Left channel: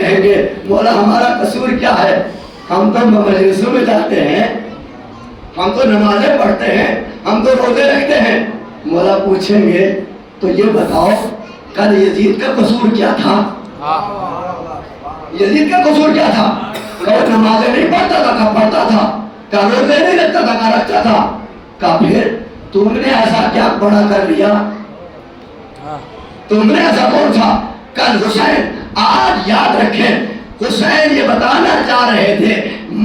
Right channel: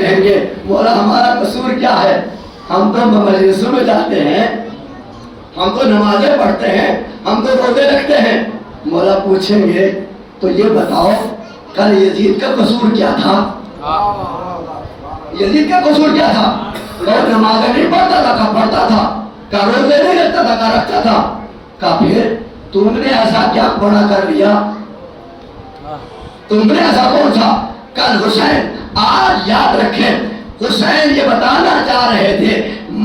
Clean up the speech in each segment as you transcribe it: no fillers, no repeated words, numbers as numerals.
کہیں گے مولا ہمارا قصور کیا ہے؟ ہم تو مجلسوں میں جاتے ہیں، ہم تو نمازیں پڑھتے ہیں، ہم تو روزے رکھتے ہیں۔ مولا پوچھیں گے تو یہ بتاؤ کل یزید کا قصور کیا تھا؟ یزید کا قصور کیا تھا؟ کہ وہ نمازیں نہیں پڑھتا تھا، کہا پڑھتا تھا، کہا روزے نہیں رکھتا تھا، کہا رکھتا تھا۔ کہا پھر تم نے ایسا کیا بڑا کر لیا؟ تم نے ایسا کون تھا؟ کل حسین، آج یاد رکھیں، حسین یہ بتانا چاہ رہے تھے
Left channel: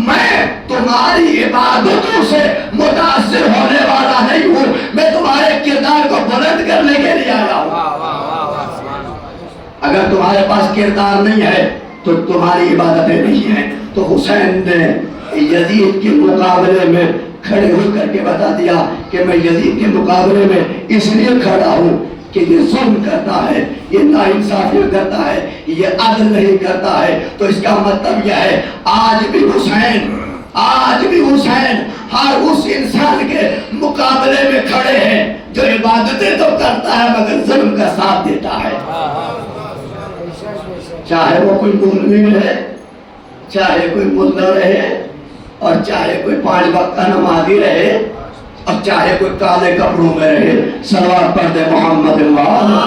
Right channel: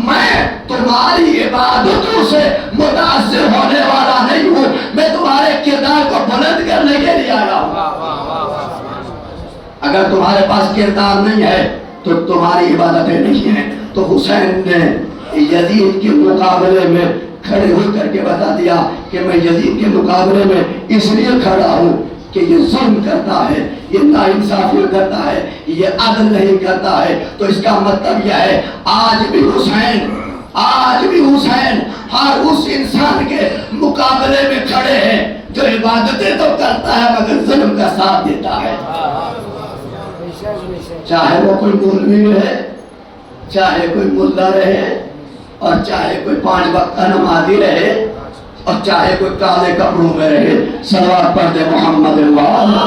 میں تمہاری عبادتوں سے متاثر ہونے والا نہیں ہوں، میں تمہارے کردار کو بلند کرنے کے لیے آیا ہوں۔ اگر تمہارے پاس کردار نہیں ہے تو تمہاری عبادتیں نہیں ہیں۔ تو حسین نے یزید کے مقابلے میں کھڑے ہو کر کے بتا دیا کہ میں یزید کے مقابلے میں اس لیے کھڑا ہوں کہ یہ ظلم کرتا ہے، یہ ناانصافی کرتا ہے، یہ عدل نہیں کرتا ہے۔ تو اس کا مطلب یہ ہے آج بھی حسین ہر اس انسان کے مقابلے میں کھڑے ہیں جو عبادتیں تو کرتا ہے مگر ظلم کا ساتھ دیتا ہے، چاہے وہ کوئی مولوی رہے، چاہے کوئی ملا رہے، اور چاہے کوئی 5 وقت کا نمازی رہے، اور چاہے کوئی کالے کپڑوں میں رہے۔ صلوات پڑھ دے محمد وآلہ۔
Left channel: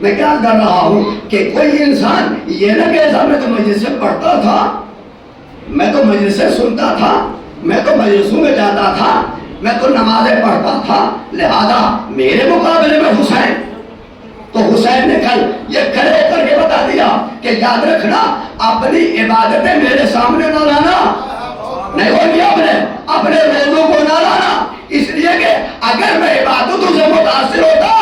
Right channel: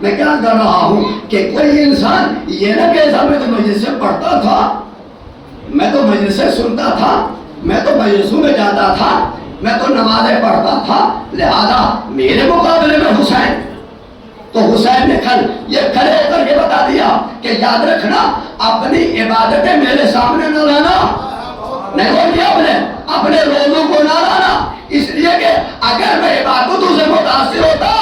میں کیا کر رہا ہوں کہ کوئی انسان یہ نہ کہتا میں تو مجلس سے پڑھتا تھا، میں تو مجلس سے سنتا تھا، میں تو مجلسوں میں جاتا تھا، میں تو نمازیں پڑھتا تھا، لہذا میرے مقابلے میں حسین۔ تو حسین نے کل یہ کھڑے ہو کر کے بتا دیا کہ یاد رکھنا اپنی عبادتیں میرے سامنے نہ لانا، نہیں بولی اپنے روزوں کو نہ لانا، اس لیے کہ اگر میں عبادتوں سے متاثر ہوتا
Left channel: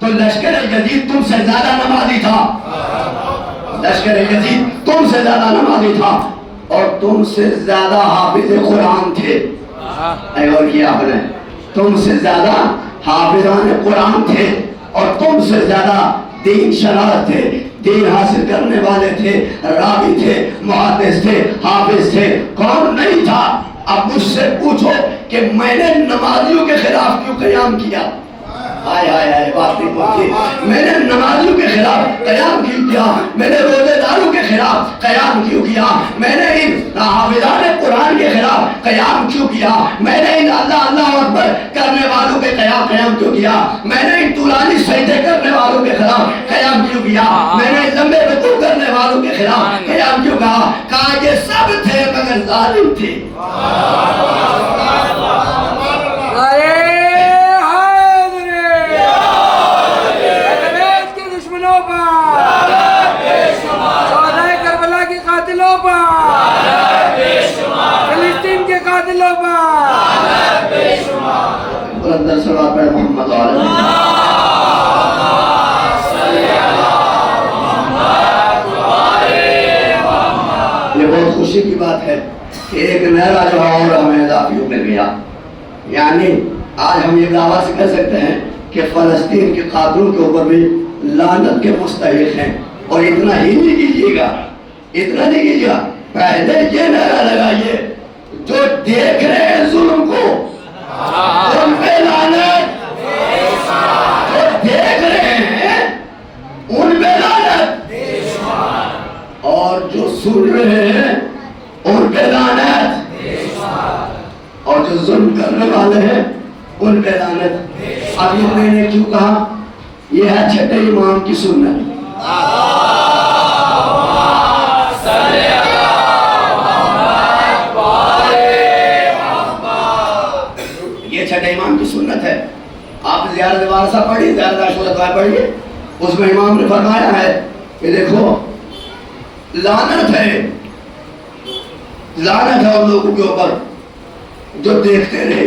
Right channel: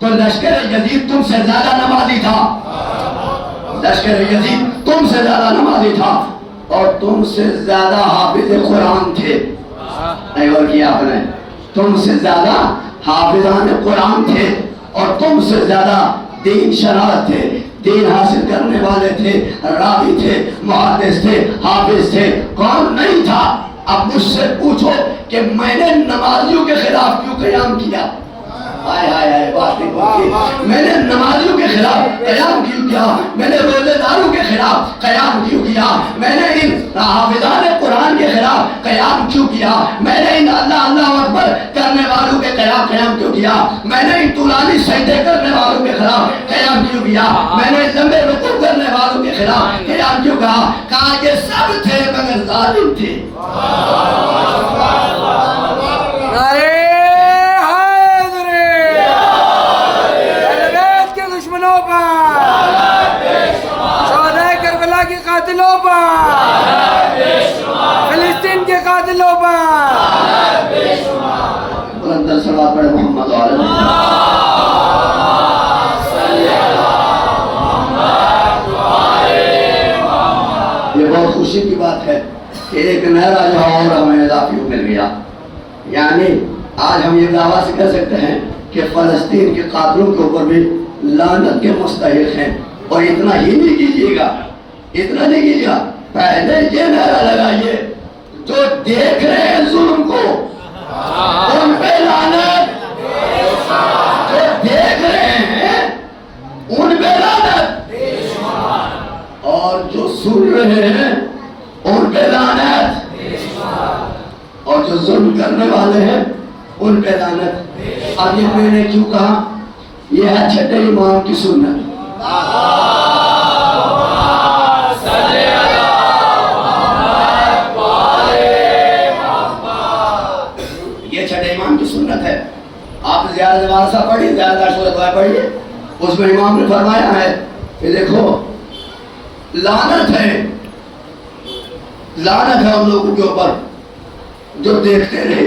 تو لشکر یزید تم سے زیادہ نمازی تھا، لشکر یزید تم سے زیادہ نمازی تھا، اور تم سے زیادہ حافظ قرآن تھے۔ اور کیا آپ نے تم سے زیادہ حافظان قرآن تھے، اور تم سے زیادہ دین شناس تھے، دین حاصل کرنے والے تھے، راوی تھے، محدث تھے، حافظ تھے، کون نہیں تھا؟ اب مجھ سے پوچھو کہ میں نے نمازیوں کے خلاف کیوں قیام کیا؟ بات نہیں پہنچی۔ میں نے نمازیوں کے خلاف قیام کیوں کیا؟ میں نے روزے داروں کے خلاف قیام کیوں کیا؟ میں نے ان حافظان قرآن کے خلاف قیام کیوں کیا؟ میں نے ان اللہ اللہ اکبر کرنے والوں کے خلاف قیام کیوں کیا؟ میں نے ان طولانی سجدے کرنے والوں کے خلاف قیام کیوں کیا؟ میں نے لمبے رکوع کرنے والوں کے خلاف قیام کیوں کہا؟ کہا یہ سب تھے مگر ظالم تھے۔ فلسطین کے قاتلوں پر بلند صلوات پڑھ محمد علیہ یہ بہت خوشی کی بات ہے کہ ایک نیا جو اور ہمیں اضافی مل گیا، یعنی آج ہم یہ دعویٰ سے کہہ سکتے ہیں کہ فلسطین کے قاتلوں کے اوپر بھی لعنت کے مستحق ہیں۔ اور اتنا ہی نہیں کیجیے گا، اتنا نہیں کیجیے گا، پہلے یہ نعرہ لگائیے جو دیکھ رہے ہیں ظلم کو ان پہ لعنت، جو دیکھ رہے ہیں ان پہ لعنت، اور جو سن رہے ہیں ان پہ لعنت، اور جو ظلم کرنے والے ہیں ان پہ لعنت۔ اب یہ میں نے کیوں کہا؟ یہ ہے چھٹے امام کی سنت۔ یہ چھٹے امام کی سنت ہے۔ آپ زیارت وارثہ پڑھیے، زیارت عاشورہ پڑھیے، اس میں امام نے فرمایا ہے کہ دیکھو لعنت ہے ان لوگوں کے اوپر جو دیکھتے رہے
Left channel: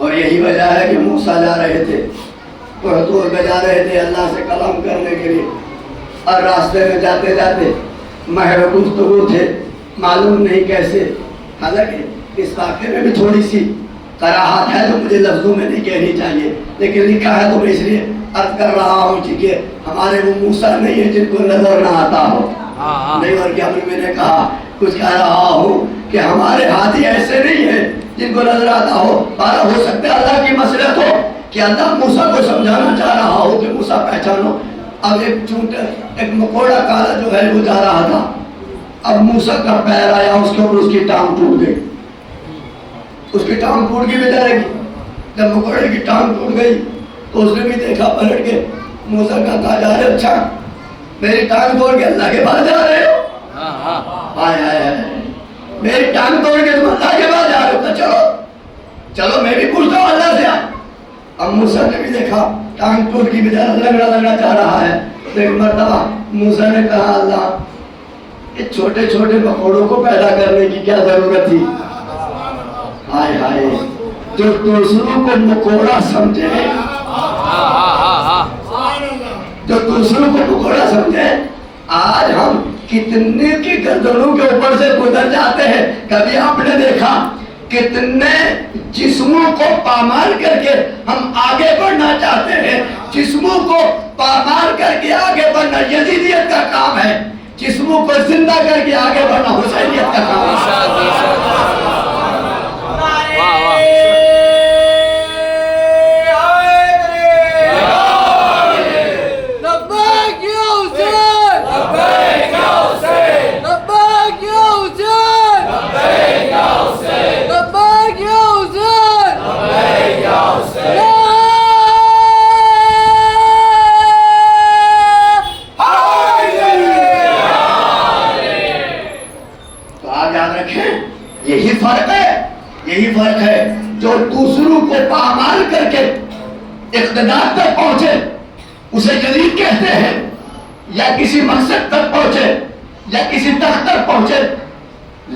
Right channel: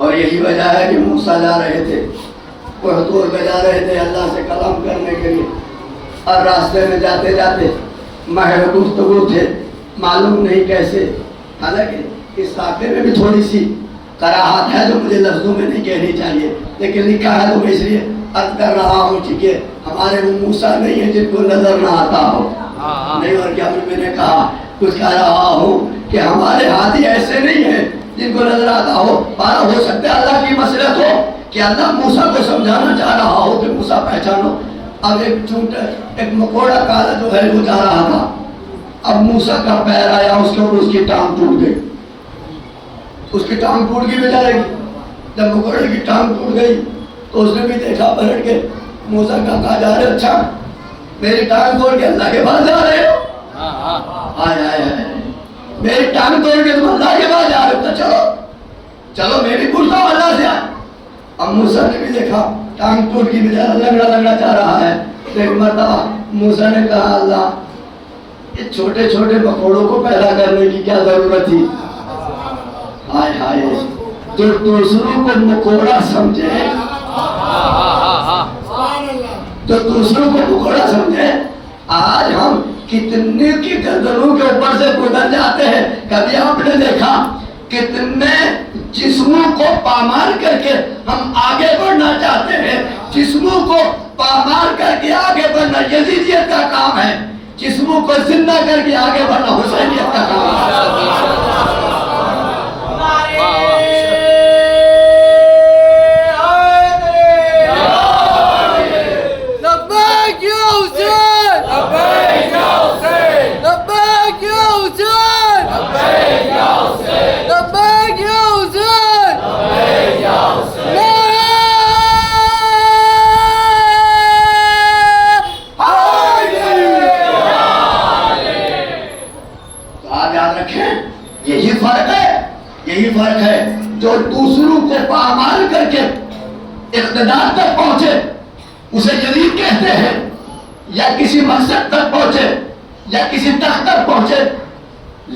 اور یہی وجہ ہے کہ موسیٰ جا رہے تھے، طور پہ جا رہے تھے اللہ سے کلام کرنے کے لیے، اور راستے میں جاتے جاتے محو گفتگو تھے، معلوم نہیں کیسے، حالانکہ اس واقعے میں بھی تھوڑی سی کراہت ہے جو مجھے لفظوں میں نہیں کہنی چاہیے، لیکن لکھا ہے تو میں اس لیے عرض کر رہا ہوں کہ ہمارے وہ موسیٰ نہیں ہیں جن کو نظر نہ آتا ہو، نہیں، اور کیا میں نے کہا کچھ کہہ رہا ہوں کہ ہمارے ہادی ایسے نہیں ہیں جن کو نظر آتا ہو، پارا ہو سکتا ہے اللہ کی مصلحت ہو کہ اللہ موسیٰ کو سمجھانا چاہ رہا ہو کہ موسیٰ پہچانو۔ اب ایک مکوڑا کالا جو ہے وہ جا رہا تھا، اب موسیٰ کا پیر آیا اس کے اوپر، اس کی ٹانگ ٹوٹ گئی، اس کی ٹانگ ٹوٹ گئی بھی جائے گی۔ جب مکوڑے کی ٹانگ ٹوٹ گئی تو اس نے بھی دیکھا پلٹ کے، موسیٰ کہا جا رہے اچھا میری ٹانگ توڑ کے اللہ کے پاس جا رہے ہو، آئے آئے آئے میری ٹانگ توڑ کے تم اللہ کے پاس جا رہے ہو، تو چلو چلو میں بھی پوچھتا ہوں اللہ سے۔ اب موسیٰ نے بھی دیکھا ٹانگ ٹوٹ کی بیچارہ لنگڑا لنگڑا جا رہا ہے، تو ایک مرتبہ موسیٰ نے کہا اللہ یہ چھوٹے چھوٹے مکوڑوں کو پیدا کرنے کی کیا ضرورت تھی؟ ہائے ہائے، جو دوسروں کو مکوڑا سمجھے، جو دوسروں کو مکوڑا سمجھے، آج ہم کتنے کی گردنوں کے اوپر سے گزر جاتے ہیں۔ کبھی آپ نے دیکھا کتنے جسموں کو پامال کر کے ہم آگے بڑھنا چاہتے ہیں، جسموں کو پامال کر کے آگے بڑھنا یزیدیت کا کام ہے، جسموں کو زندہ کر کے آگے بڑھنا حسینیت کا کام ہے۔ یہی فرق ہے جو دوسروں کو پامال کر کے اقتدار تک پہنچے اسے یزید کہتے ہیں، یا کسی مقصد تک پہنچے یا کسی تخت تک پہنچے،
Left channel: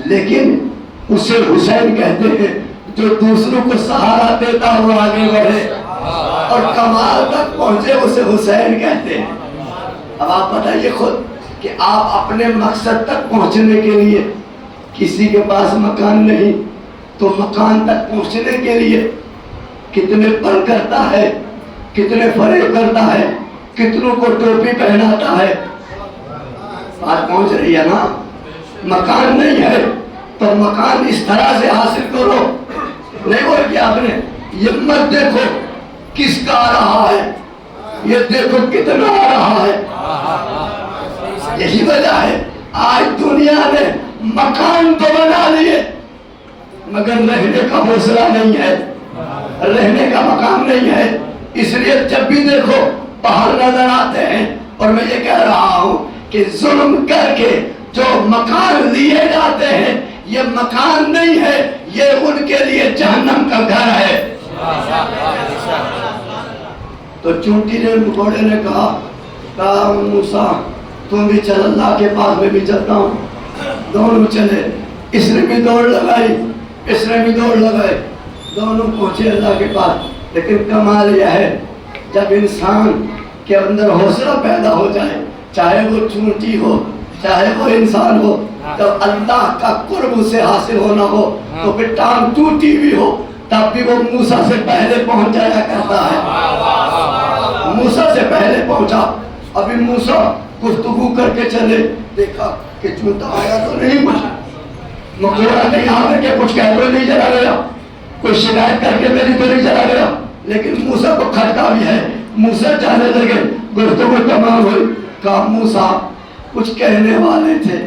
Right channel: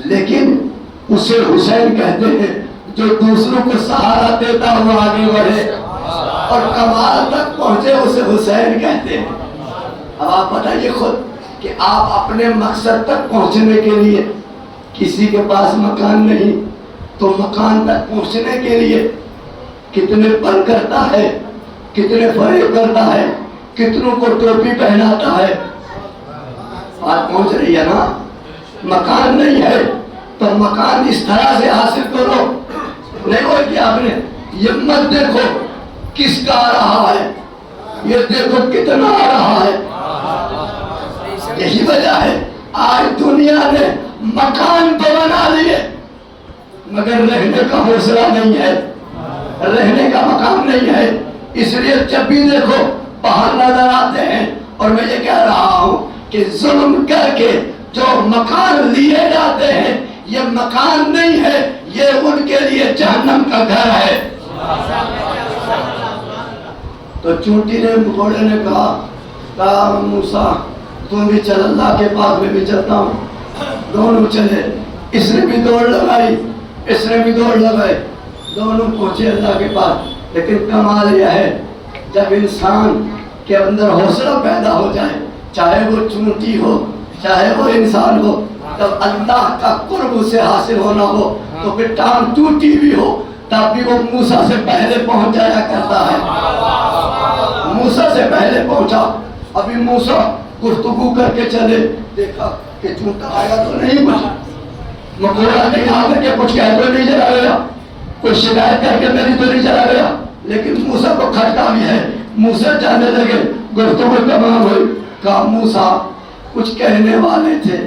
لیکن اسے حسین کہتے ہیں جو دوسروں کو سہارا دیتا ہوا آگے بڑھے اور کمال تک پہنچے، اسے حسین کہتے ہیں۔ اب آپ بتائیے خود کہ آپ اپنے مقصد تک پہنچنے کے لیے کسی کے پاس مکان نہیں تو مکان تک پہنچنے کے لیے کتنے پر کرتا ہے، کتنے فریب کرتا ہے، کتنوں کو ٹوپی پہناتا ہے، بات پہنچ رہی ہے نا؟ مکان نہیں ہے تو مکان اس طرح سے حاصل کرو، نہیں ہو کہ آپ نے یہ مت دیکھو کس کا آ رہا ہے، یہ دیکھو کتنا آ رہا ہے۔ یہی وجہ ہے آج دنیا نے مکان تو بنا لیے مگر رہنے کا حوصلہ نہیں ہے، رہنے کا مقام نہیں ہے، اس لیے جب بھی دیکھو باہر نظر آتے ہیں۔ اور میں یہ کہہ رہا ہوں کہ ظلم کر کے جو مکان لیے جاتے ہیں یہ مکان نہیں ہے، یہ ان کے لیے جہنم کا گھر ہے۔ تو چونٹی نے مکوڑے نے کہا موسیٰ تم بھی چل اللہ کے پاس، میں بھی چلتا ہوں۔ دونوں چلے، اس نے بھی دوڑ لگائی، اس نے بھی دوڑ لگائی، دونوں پہنچے اللہ کے پاس۔ لیکن کمال یہ ہے جب انسان کے اندر حوصلہ پیدا ہو جائے، چاہے وہ چونٹی ہو چاہے وہ انسان ہو، جب اللہ کا قرب سے حاصل ہونا ہو تو پھر ٹانگ ٹوٹی بھی ہو تب بھی وہ موسیٰ سے پہلے پہنچ جایا کرتا ہے۔ موسیٰ سے پہلے پہنچا۔ ابھی موسیٰ گفتگو کر کے چلے، دیکھا کہ چونٹا آیا تو نہیں کچھ، مکوڑا کہیں آ کر کے کچھ کہہ تو نہیں چلا گیا، کوئی شکایت کر کے میری تو نہیں چلا گیا، لیکن موسیٰ کو کھٹکا بھی ہے۔ موسیٰ جانے لگے، گفتگو تمام ہوئی۔ کہا موسیٰ کچھ کہنے والے تھے،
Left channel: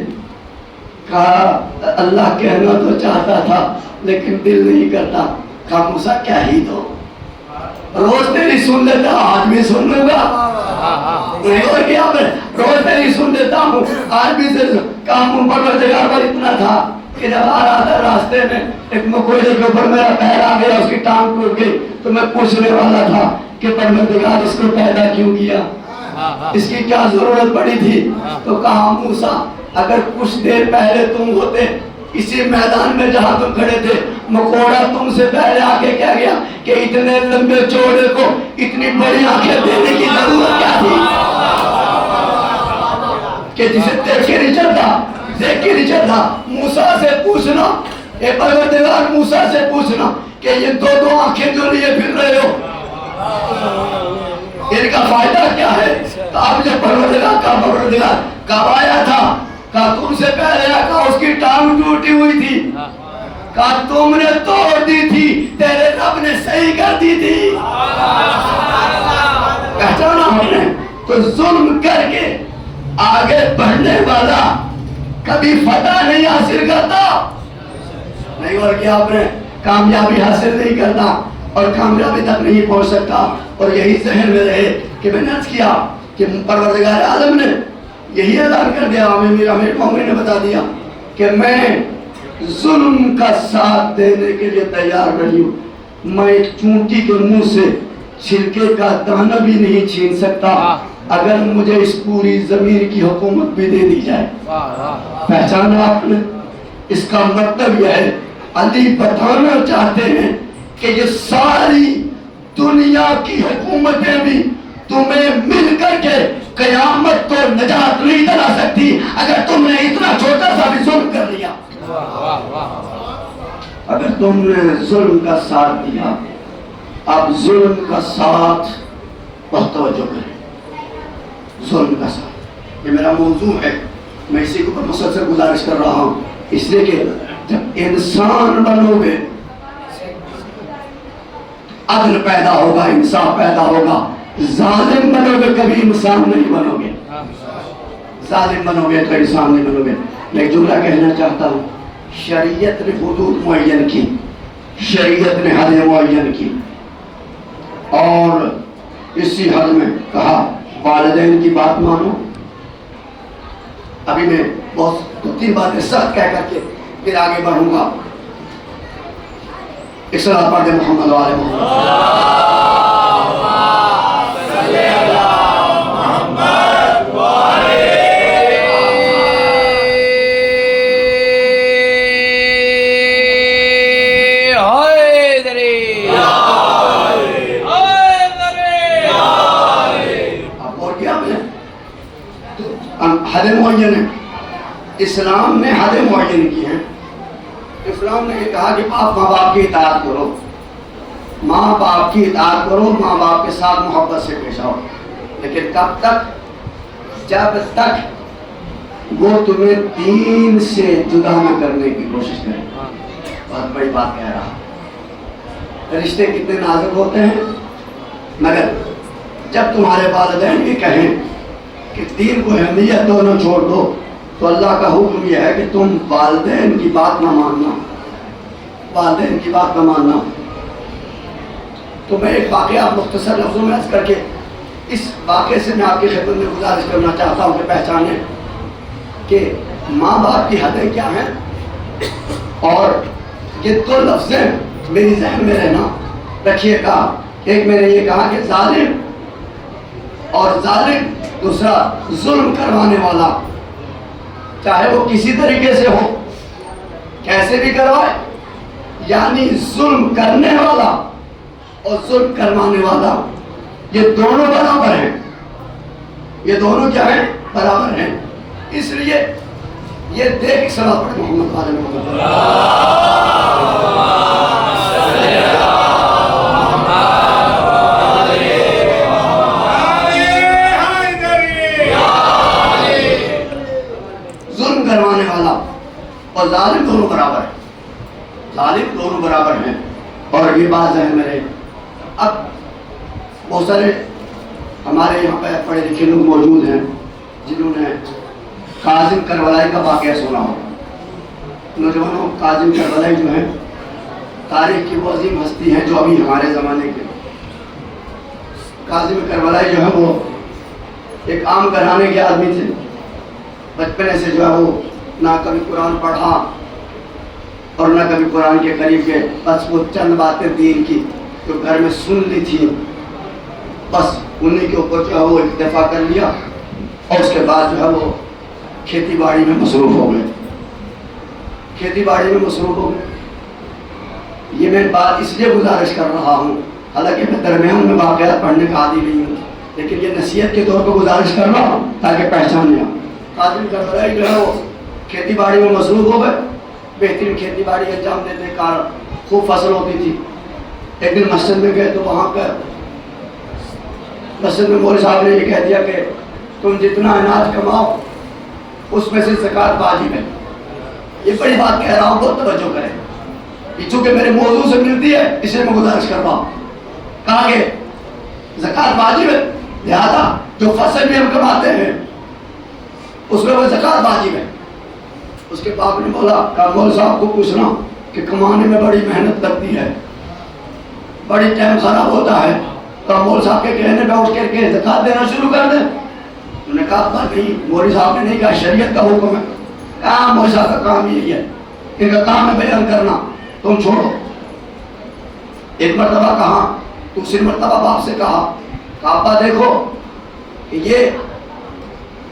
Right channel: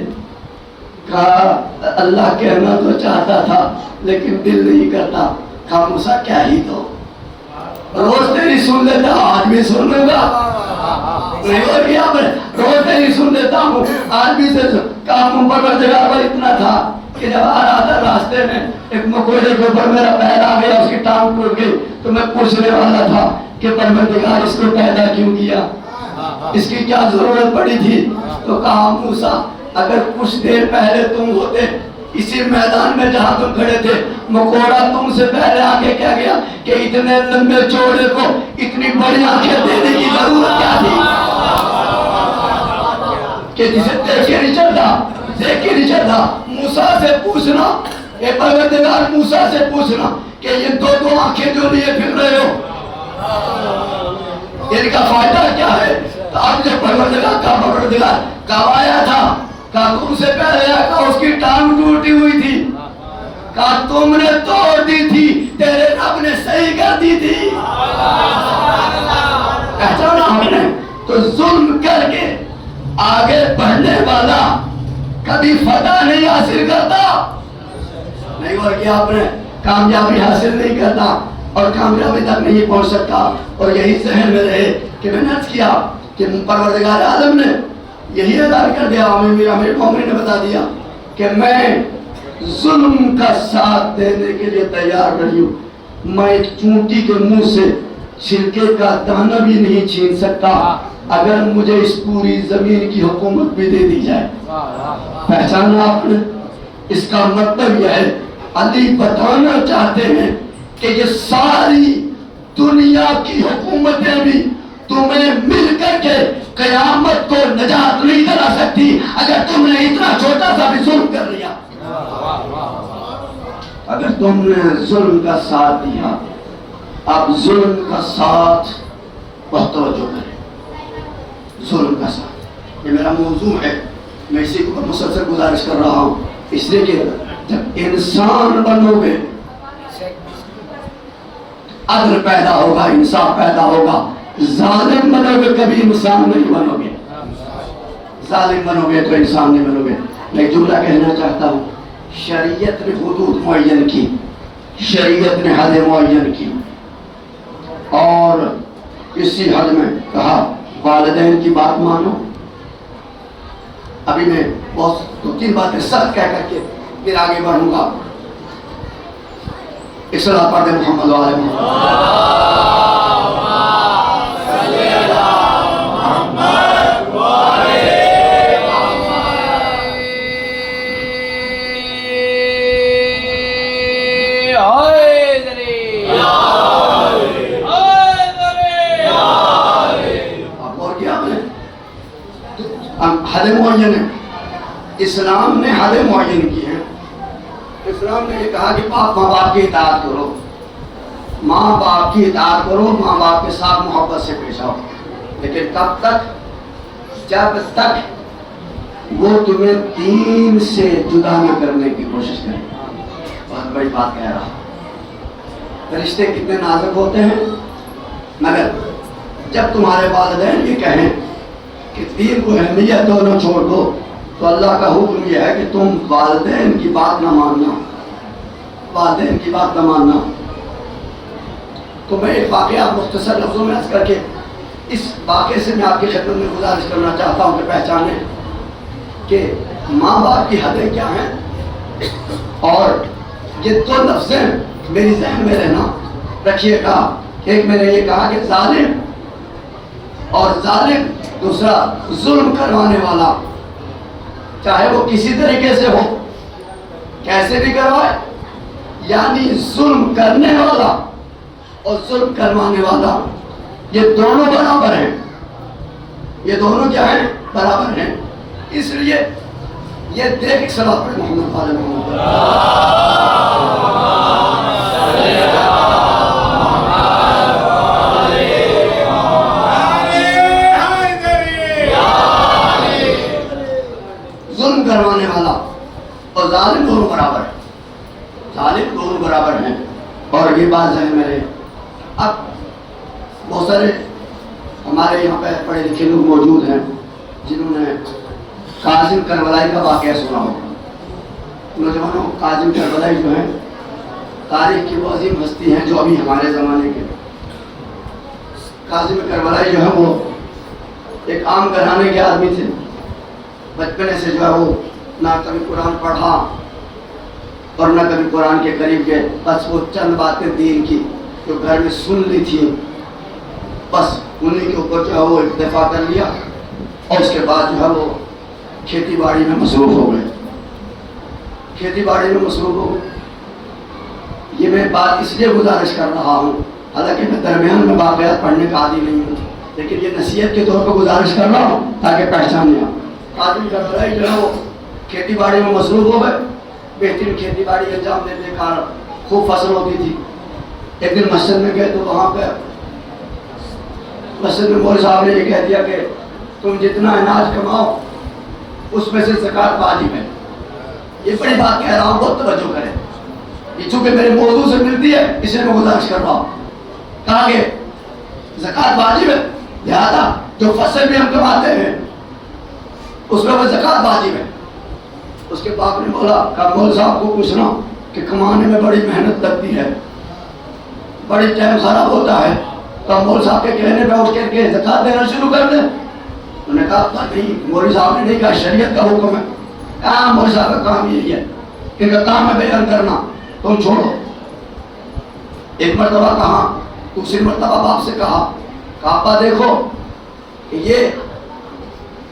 کہا اللہ کہنا تو چاہتا تھا لیکن دل نہیں کرتا۔ کہا موسیٰ کیا ہی دو، روز تیری سن لیتا، آج بھی سن لوں گا، نہیں اور کیا، میں روز تیری سن لیتا ہوں آج بھی سے کام پروردگار پر اتنا تھا کہ جب آ رہا تھا راستے میں ایک مکوڑے کے اوپر میرا پیر آ گیا، اس کی ٹانگ ٹوٹ گئی، تو میں پوچھنے والا تھا کہ پروردگار اس کو پیدا کیوں کیا، اس کی کیا ضرورت پڑی تھی؟ تو کہا موسیٰ اگر کچھ دیر پہلے تم ہوتے اسی میدان میں جہاں تم کھڑے تھے مکوڑا تم سے پہلے آگے کیا گیا کہ اتنے لمبے چوڑے کو اتنی بڑی آنکھیں دینے کی ضرورت کیا تھی کہ جسے دیکھ کے نہیں چلتا موسیٰ سے پوچھنا، اے پروردگار موسیٰ سے پوچھنا کہ یہ دو آنکھیں جو لیے پھر رہے ہو ان کا فائدہ کیا ہے؟ تو اب جو پروردگار کب آیا تھا؟ کہا تم سے پہلے آیا، اس کی ٹانگ ٹوٹی ہوئی تھی، کہا تم نے توڑ دی تھی، تیرے رب نے صحیح کر دی تھی۔ پہچانا ہم نے؟ تو ظلم کر کے آگے بڑھنے والا کبھی فتح نہیں حاصل کرتا، نہیں اور کیا آپ نے کامیابی حاصل نہیں کرنا اور کامیابی تک نہیں پہنچ سکتا۔ اور یہی ذہن میں رہے کہ میں نے عرض کیا کہ پروردگار عالم نے یہی اعلان کر دیا، میرا مومن نے بتا دیا کہ میں ظلم کا ساتھ دینے کے لیے تیار نہیں ہوں، میں ایک چونٹی کے منہ سے چھلکے کا دانہ بھی نہیں چھین سکتا اگر مجھے اس پوری زمین کی حکومت بھی دے دی جائے۔ پہچانا آپ نے؟ اس کا مطلب یہ ہے علی بتانا چاہتے ہیں کہ یہ ساری دنیا کی حکومتیں بھی تمہیں مل کر کے قیامت کو نجات نہیں دلا سکتی اگر تم نے اتنا چھوٹا سا بھی ظلم کر لیا۔ اگر تم نے ظلم کا ساتھ دیا، اب ظلم کا ساتھ بہت توجہ کریں، ظلم کا ساتھ یہ میرا موضوع ہے، میں اسی کو مسلسل گزارش کر رہا ہوں، اس لیے کہ جب انسان بنو گے عدل پیدا ہوگا، انصاف پیدا ہوگا۔ ظالم بنو گے کبھی انسان نہیں بنو گے، ظالم بنو گے تو انسان نہیں بنو گے۔ میں ایک جملہ کہنا چاہتا ہوں، شریعت نے حدود معین کی، شریعت نے حد معین کی اور اسی حد میں کہا والدین کی بات مانو۔ ابھی میں بہت دو تین باتیں سخت کہہ کر کے پھر آگے بڑھوں گا۔ ایک صلاۃ پڑھ دیں محمد وعلی محمد۔ حد معین ہے، اسلام نے حد معین کی ہے۔ اسلام نے یہ کہا کہ آپ ماں باپ کی اطاعت کرو، ماں باپ کی اطاعت کرو، ماں باپ کے ساتھ محبت سے پیش آؤ، لیکن کب تک؟ جب تک وہ تمہیں دین سے جدا نہ کرنے کی کوشش کریں۔ بہت بڑی بات کہہ رہا، رشتے کتنے نازک ہوتے ہیں، مگر جب تمہارے والدین یہ کہیں کہ دین کو اہمیت دو نہ چھوڑ دو، تو اللہ کا حکم یہ ہے کہ تم والدین کی بات نہ ماننا، والدین کی بات نہ ماننا۔ تو میں ایک واقعہ مختصر لفظوں میں عرض کر کے اس واقعے سے میں آپ کی خدمت میں گزارش کرنا چاہتا ہوں کہ پہچانیں کہ ماں باپ کی حدیں کیا ہیں، اور یہ دو لفظیں میری ذہن میں رہنا رکھیے گا۔ ایک میں نے یہ کہا کہ ظالم اور ظالم، دوسرا ظلم کروانے والا، چاہے وہ کسی طریقے سے ہو، کیسے بھی کروائے، یعنی ظلم کرنے والا اور ظلم کروانے والا یہ دونوں برابر ہیں، یہ دونوں کیا ہیں؟ برابر ہیں۔ اس لیے یہ دیکھ صلاۃ پڑھ محمد وعلی محمد۔ کروانے والا اور ظالم دونوں برابر ہیں، ظالم دونوں برابر ہیں، اور یہ بات ذہن میں رہے۔ اب بہت سارے ہمارے یہاں پہ پڑھے لکھے لوگ موجود ہیں جنہوں نے کاظم کربلائی کا واقعہ سنا ہو۔ نوجوانوں، کاظم کربلائی جو ہیں تاریخ کی وہ عظیم ہستی ہیں جو ابھی ہمارے زمانے کے۔ کاظم کربلائی جو ہے وہ ایک عام گھرانے کے آدمی تھے، بچپنے سے جو ہے وہ نہ کبھی قرآن پڑھا اور نہ کبھی قرآن کے قریب گئے، بس وہ چند باتیں دین کی جو گھر میں سن لی تھی، بس انہیں کے اوپر جو ہے وہ اکتفا کر لیا، اور اس کے بعد جو ہے وہ کھیتی باڑی میں مصروف ہو گئے۔ کھیتی باڑی میں مصروف ہو گئے. یہ میں بات اس لیے گزارش کر رہا ہوں، حالانکہ میں درمیان میں واقعات پڑھنے کا عادی نہیں ہوں، لیکن یہ نصیحت کے طور پر گزارش کر رہا ہوں تاکہ پہچان لیں. قاضی کربلائی جو ہے وہ کھیتی باڑی میں مصروف ہو گئے، بہترین کھیتی باڑی انجام دیتے کار خوب فصل ہوتی تھی. ایک دن مسجد میں گئے تو وہاں پہ مسجد میں مولوی صاحب نے یہ کہہ دیا کہ تم جتنا اناج کماؤ اس میں سے زکوٰۃ واجب ہے. یہ بڑی بات کہہ رہا ہوں، بہت توجہ کریں، یہ چونکہ میرے موضوع سے ملتی ہے اس لیے میں گزارش کر رہا ہوں. کہا کہ زکوٰۃ واجب ہے، لہذا جو فصل بھی ہم کماتے ہیں اس میں وہ زکوٰۃ واجب ہے. اس کے باپ نے بولا کہ مول صاحب کو پوچھنا کہ کمانے میں بڑی محنت لگتی ہے، بڑی ٹائم خراب ہوتا ہے، تو مول صاحب کے کہنے پہ اٹھ کر کے زکوٰۃ دینا شروع کر دیں. انہوں نے کہا نہیں، مولوی صاحب نے نہیں کہا، شریعت کا حکم ہے. کہا مولوی صاحب کا کام یہی ہے، ان کا کام ہے بیان کرنا، تم چھوڑو. ایک مرتبہ کہا، دوسری مرتبہ باپ سے کہا کہ ابا دیکھو یہ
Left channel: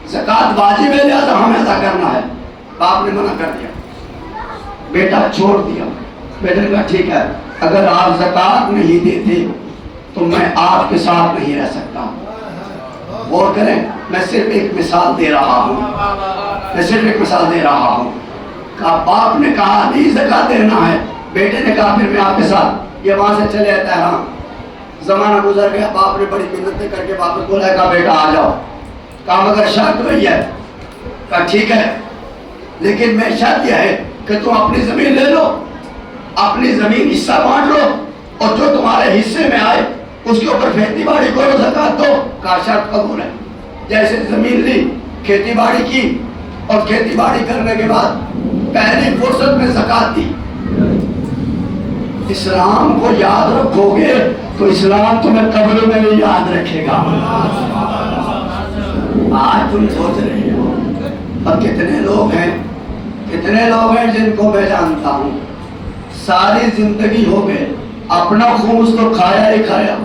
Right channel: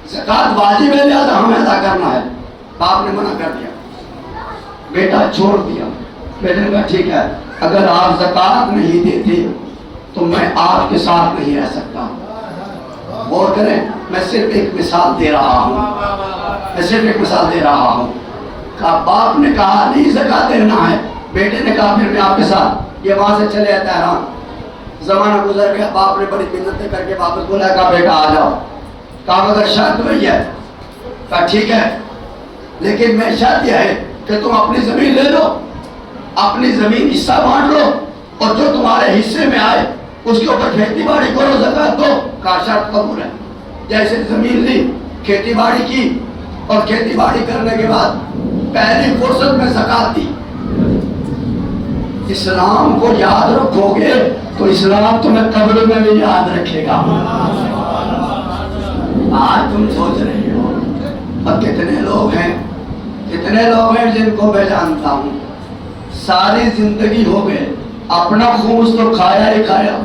زکوٰۃ واجب ہے لہذا ہمیں ادا کرنا ہے. باپ نے منع کر دیا، بیٹا چھوڑ دیا. بیٹے نے کہا ٹھیک ہے، اگر آپ زکوٰۃ نہیں دیتے تو میں آپ کے ساتھ نہیں رہ سکتا. غور کریں، میں صرف ایک مثال دے رہا ہوں، کہ باپ نے کہا نہیں زکوٰۃ دینا ہے، بیٹے نے کہا پھر میں آپ کے ساتھ. یہ وہاں سے چلے تہران. زمانہ گزر گیا، باپ نے بڑی منتیں کر کے واپس بولا کہا بیٹا آ جاؤ. کہا مگر شرط وہی ہے. کہا ٹھیک ہے، لیکن میں شرط یہ ہے کہ تم اپنی زمین لے لو، اپنی زمین حصہ بانٹ لو، اور جو تمہارے حصے میں آئے اس کے اوپر کھیتی باڑی کرو، زکوٰۃ دو. کہا شرط قبول ہے. جیسے زمین لی، کھیتی باڑی کی، اور کھیتی باڑی کرنے کے بعد پہلی فرصت میں زکوٰۃ دی. اسلام کو یاد رکھو گے تو اسلام تمہیں قبر میں بھی یاد رکھے گا. آج تم سوچ رہے ہو اب کتنے لوگ ہیں جن کو میں جانتا ہوں ساری زندگی ہو گئے اپنا خون تو کھایا ہی کھایا،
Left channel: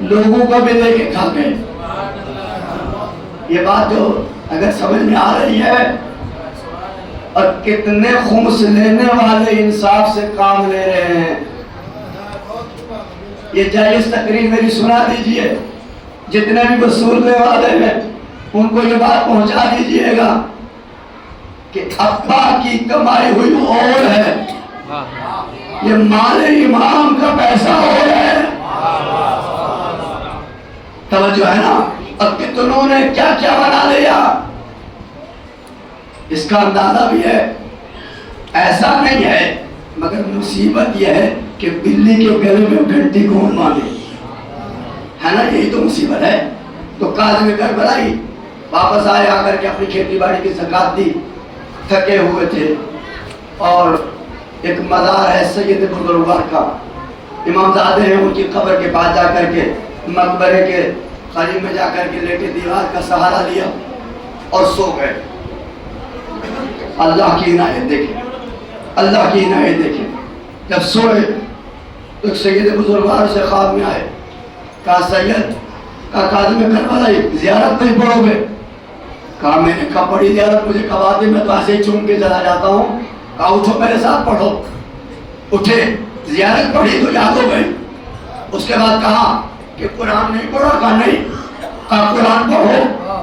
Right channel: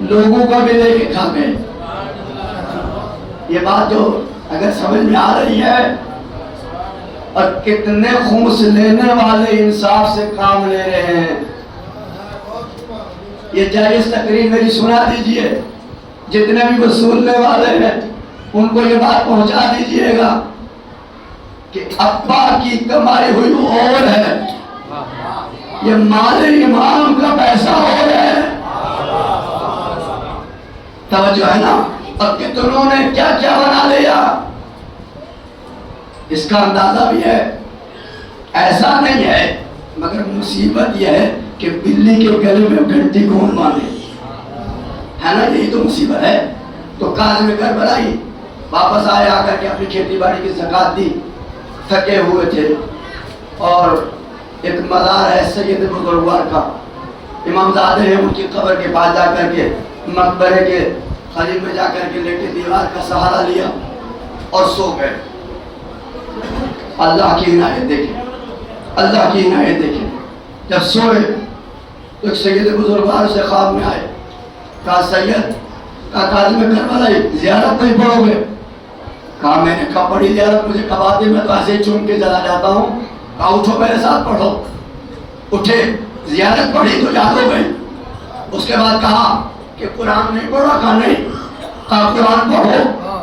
لوگوں کو بھی لے کے کھا گئے. یہ بات جو اگر سمجھ میں آ رہی ہے، اور کتنے خمس لینے والے انصاف سے کام لے رہے ہیں. یہ جائز تقریر میری سنا دیجئے، جتنے بھی وصولنے والے ہیں ان کو یہ بات پہنچا دیجئے گا کہ ابا کی کمائی ہوئی اور ہے، یہ مال امام کا پیسہ اور ہے. توجہ ہے نا؟ اب کتنوں نے کیا کیا بنا لیا، اس کا اندازہ بھی ہے. ایسا نہیں ہے، مگر مصیبت یہ ہے کہ بلی کے گلے میں گھنٹی کون باندھے، ہے نا؟ یہی تو مصیبت ہے. تو قاضی کربلائی واپس آئے، آ کر کے اپنی کھیتی باڑی کی زکوٰۃ دی. تھکے ہوئے تھے، اور ایک مزار ہے سید بزرگوار کا، امام زادے ہیں، ان کی قبر کے پاس جا کر کے مقبرے کے قریب میں جا کر کے لیٹے، دیوار کا سہارا لیا اور سو گئے. اللہ کی عنایت دیکھیں، اللہ کی عنایت دیکھیں. جب سوئے تو ایک سید بزرگوار سے خواب میں آئے. کہا سید، کہا قاضی کربلائی زیارت نہیں پڑھو گے؟ کہا میں نے کہا پڑھی زیارت، مجھے کب آتی، میں تو ایسے ہی چون کے چلا جاتا ہوں. کہا اٹھو میرے ساتھ پڑھو. اٹھے، زیارت پڑھی تو یاد ہو گئی. اس کے بعد کہا کہ قرآن نہیں پڑھا؟ کہا نہیں. کہا قرآن پڑھو.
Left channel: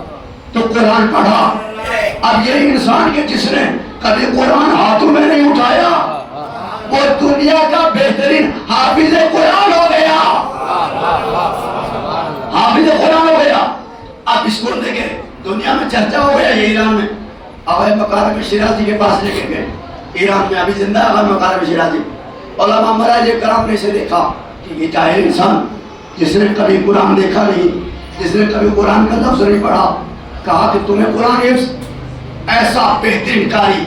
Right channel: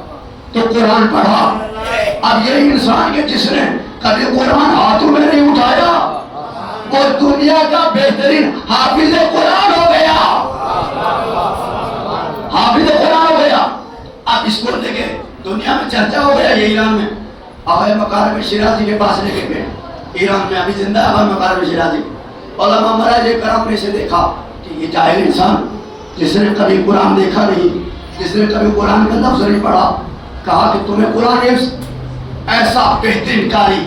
تو قرآن پڑھا. اب یہ انسان کے جس نے کبھی قرآن ہاتھوں میں نہیں اٹھایا وہ دنیا کا بہترین حافظ قرآن ہو گیا، حافظ قرآن ہو گیا. اب اس کو لے کے دنیا میں چرچا ہو گیا. یہ ایران میں آغا مکارم شیرازی کے پاس لے کے گئے. ایران میں ابھی زندہ آغا مکارم شیرازی. علماء مراج کرام نے اسے دیکھا کہ یہ جاہل انسان جس نے کبھی قرآن دیکھا نہیں، جس نے کبھی قرآن کا لفظ نہیں پڑھا. کہا کہ تمہیں قرآن حفظ، ایسا بہترین قاری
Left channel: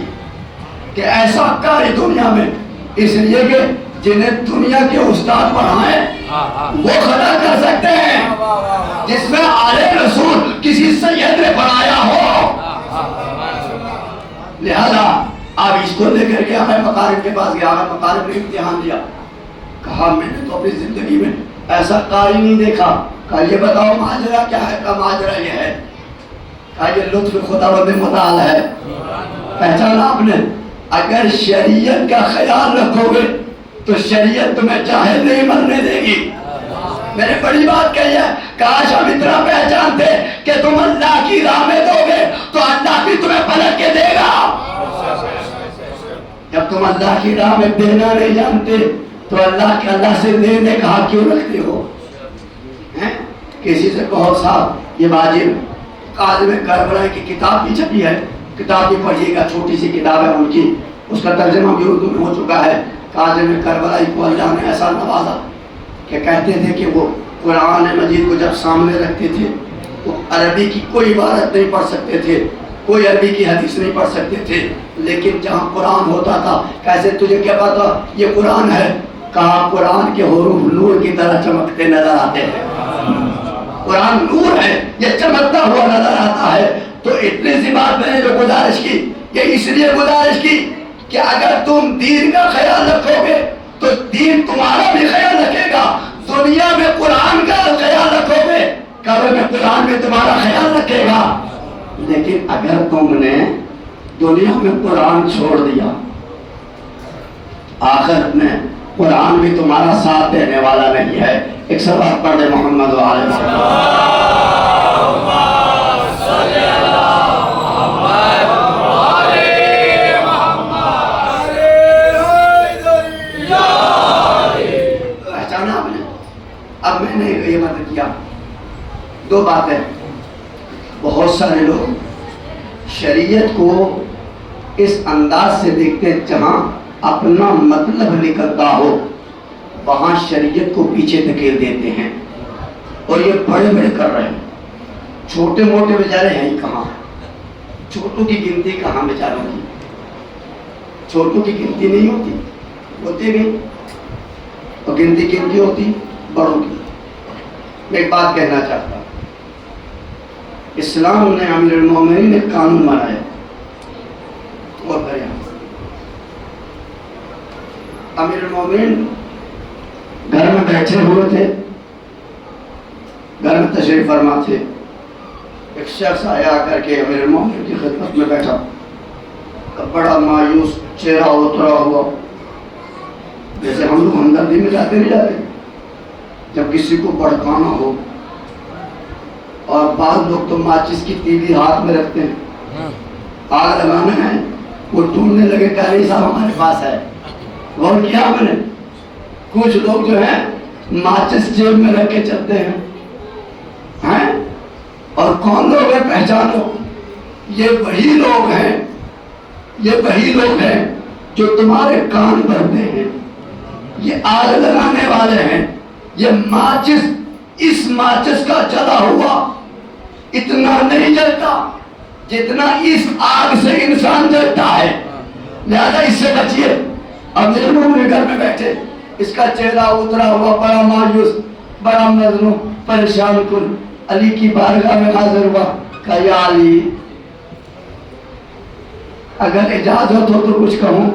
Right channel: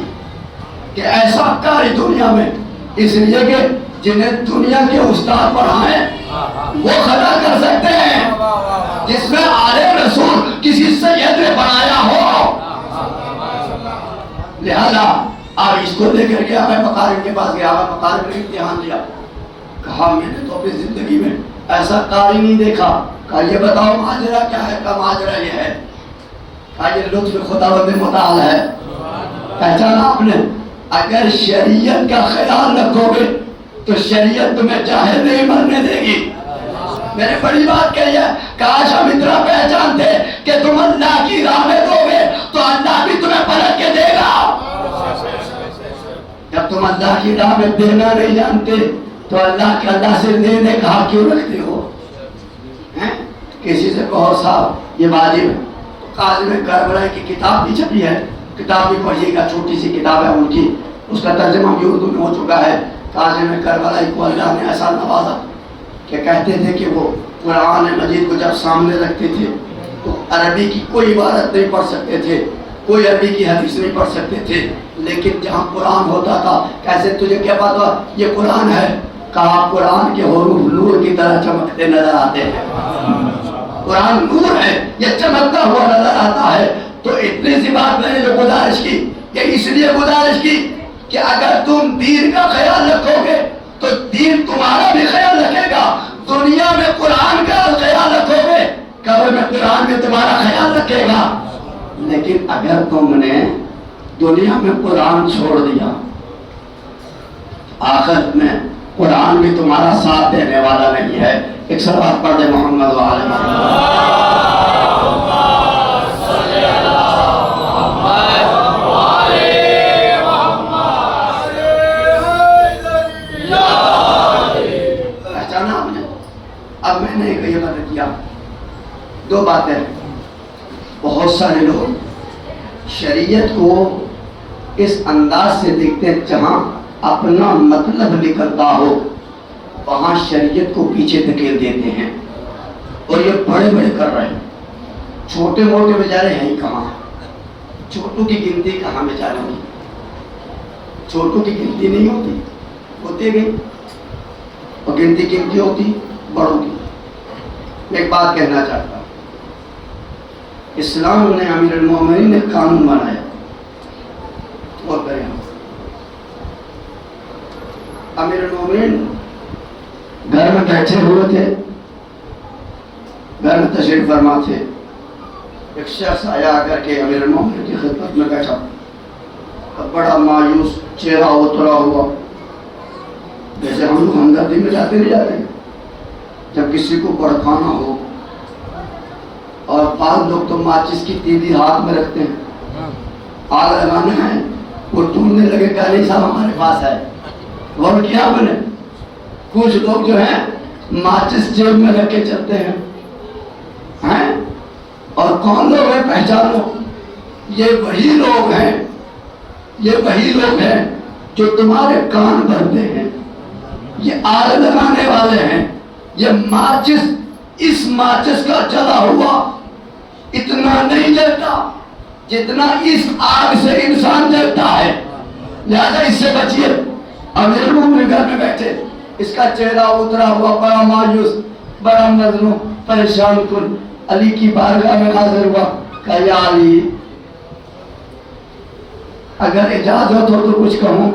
کہ ایسا قاری دنیا میں، اس لیے کہ جنہیں دنیا کے استاد پڑھائیں وہ خطا کر سکتے ہیں، جس میں آلے رسول کسی سید نے بنایا ہو. لہذا آپ اس کو لے کر کے آقا مکارم کے پاس گیا. آقا مکارم نے امتحان دیا. کہا میں نے تو اپنی زندگی میں ایسا قاری نہیں دیکھا. کہا یہ بتاؤ ماجرا کیا ہے؟ کہا ماجرا یہ ہے. کہا یہ لطف خداوند متعال ہے. پہچانا آپ نے؟ اگر شریعت کا خیال رکھو گے تو شریعت تمہیں چاہے نہیں مرنے دے گی. میں نے بڑی بات کہی ہے, کاش ہم اتنا پہچانتے کہ تم اللہ کی راہ میں دو گے تو اللہ بھی تمہیں پلٹ کے دے گا. جب تم اللہ کی راہ میں دینا نہیں جانتے تو اللہ سے لینے کا حق کیوں رکھتے ہو؟ کسی سے کہو صاحب یہ واجب, قاضم کربلا کی کتاب بھی چھپی ہے, کتاب بھی پڑھیے گا, چھوٹی سی کتاب ہے ان کی, اس کا ترجمہ بھی اردو میں ہو چکا ہے. قاضم کربلا کو اللہ نے ایسا نوازا کہ کہتے تھے کہ وہ قرآن مجید کو جب سامنے رکھتے تھے تو عربی کی کوئی عبارت نہیں پڑھ سکتے تھے, کوئی عربی کی حدیث نہیں پڑھ سکتے تھے, لیکن جہاں قرآن ہوتا تھا کیسے تجھے کیا پتا یہ قرآن ہے؟ کہا قرآن کے حروف نور کی طرح چمکتے نظر آتے ہیں. قرآن نور ہے, یہ چمکتا ہوا نظر آتا ہے. تو اتنی سی بات میں نے جو گزارش کی, یہ اس لیے گزارش کی کہ اگر تم دین کا خیال رکھو گے تو دین تمہارا بھی خیال رکھے گا. دنیا میں قرآن کا خیال رکھو گے, قبر میں قرآن بھی تمہارا خیال رکھے گا. لیکن اگر تم نے دنیا میں قرآن چھوڑ دیا, آخرت میں قرآن بھی تمہارا ساتھ دینے والا نہیں ہے. ایک صلوات پڑھ دے محمد علیہ وسلم. پہچانا آپ نے؟ اب میں نے یہ مدد کیا. دو باتیں, بہت سارے لوگ شریعت کو اس انداز سے دیکھتے ہیں جہاں اپنا مطلب نکلتا ہو وہاں شریعت کو پیچھے دھکیل دیتے ہیں, اور یہ بڑے بڑے کر رہے ہیں. چھوٹے موٹے بیچارے ہیں ہی کہاں, چھوٹوں کی گنتی کہاں بیچاروں کی, چھوٹوں کی گنتی نہیں ہوتی, ہوتے گئے, اور گنتی ہوتی بڑوں کی. میں ایک بات کہنا چاہتا ہوں, اسلام نے امیر المومنین نے قانون بنایا, اور امیر المومنین گھر میں بیٹھے ہوئے تھے, گھر میں تشریف فرما تھے. ایک شخص آیا کر کے امیر المومنین کی خدمت میں بیٹھا, بڑا مایوس چہرہ اترا ہوا, جیسے ہم لوگ ہمدردی میں جاتے نہیں جاتے جب کسی کو بھڑکانا ہو. اور بعض لوگ تو ماچس کی تیلی ہاتھ میں رکھتے ہیں, آگ لگانا ہے, وہ ڈھونڈنے لگے کہ نہیں صاحب ہمارے پاس ہے. غور کیا میں نے, کچھ لوگ جو ہیں ماچس جیب میں رکھ کے چلتے ہیں. اور کون لوگ ہیں پہچانو, یہ وہی لوگ ہیں, یہ وہی لوگ ہیں جو تمہارے کان بھرتے ہیں, یہ آگ لگانے والے ہیں. یہ ماچس, اس ماچس کا جلا ہوا اتنا نہیں جلتا جتنا اس آگ سے انسان جلتا ہے, لہذا اس سے بچیے. اب میرے گھر میں بیٹھے, اس کا چہرہ اترا ہوا, بڑا مایوس, بڑا مظلوم, پریشان کن, علی کی بارگاہ میں حاضر ہوا. کہا یا علی اگر اجازت ہو تو کچھ کہوں؟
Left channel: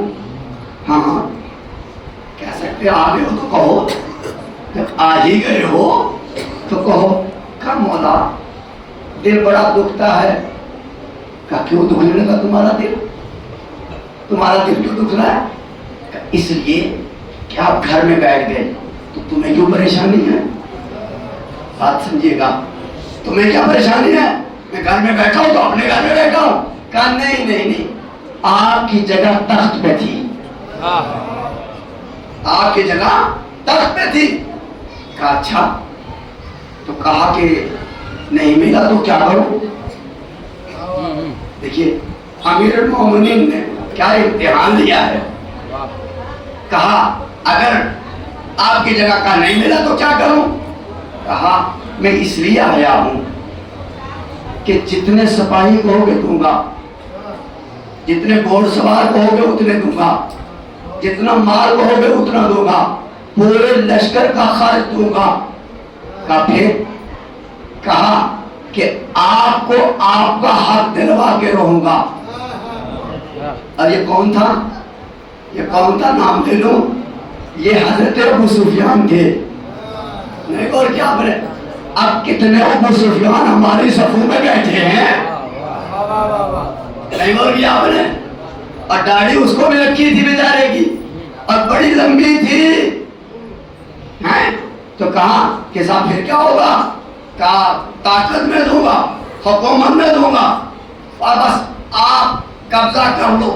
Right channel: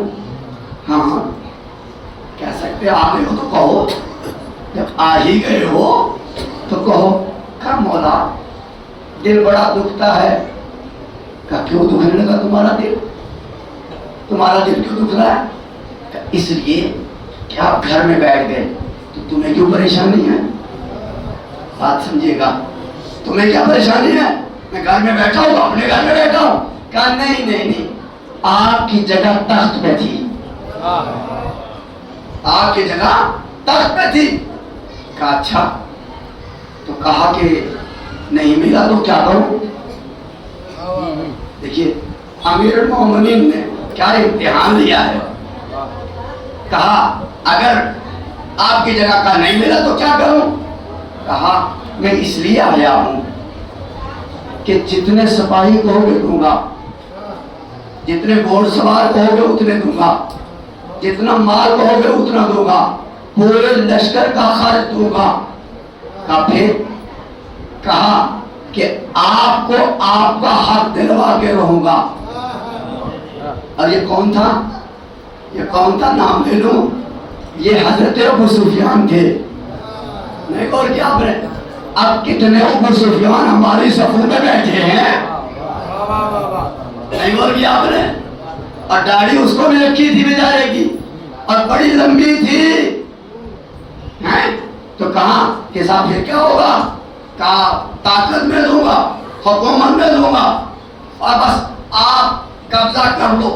ہاں ہاں کہہ سکتے, آ گئے ہو تو کہو, جب آ ہی گئے ہو تو کہو. کہا مولا دل بڑا دکھتا ہے. کہا کیوں دکھنے لگا تمہارا دل, تمہارا دل کیوں دکھ رہا ہے؟ کہا اس لیے کہ آپ گھر میں بیٹھ گئے تو تمہیں کیوں پریشانی ہے؟ بات سمجھیے گا, تمہیں کیا پریشانی ہے؟ میں گھر میں بیٹھا ہوں تو اپنے گھر میں بیٹھا ہوں. کہا نہیں نہیں نہیں, آپ کی جگہ تخت پہ تھی, آپ کی جگہ تخت پہ تھی. کہا اچھا, تو کہا کہ نہیں ملا تو کیا کروں؟ دیکھیے امیر المومنین نے کیا امتحان لیا ہے. کہا اگر آپ کی جگہ کا نہیں ملا تو کیا کروں؟ کہا میں اس لیے آیا ہوں کہ جتنے سپاہی کہو گے دوں گا, جتنے گھوڑ سوار کہو گے اتنے دوں گا, جتنا مال کہو گے اتنا دوں گا, پورے لشکر کا خرچ دوں گا. کہا پھر؟ کہا کہ آپ کو آپ کا حق دلوا کے رہوں گا. اور یہ کون تھا, یہ کون تھا, نام لے لوں, یہ حضرت ابو سفیان تھے. نہیں اور کیا آپ نے, اب کتنے ابو سفیان ہماری صفوں میں بیٹھے ہیں, نہیں اور کیا آپ نے, اور داڑھی اس کو بھی رکھی تھی بیچارے کی اور بڑی لمبی تھی ہیں؟ تو کہا کہ صاحب پھر کیا ہوگا؟ کہا طاقت میں دوں گا، حکومت میں دوں گا اور بس آپ قبضہ کر لو۔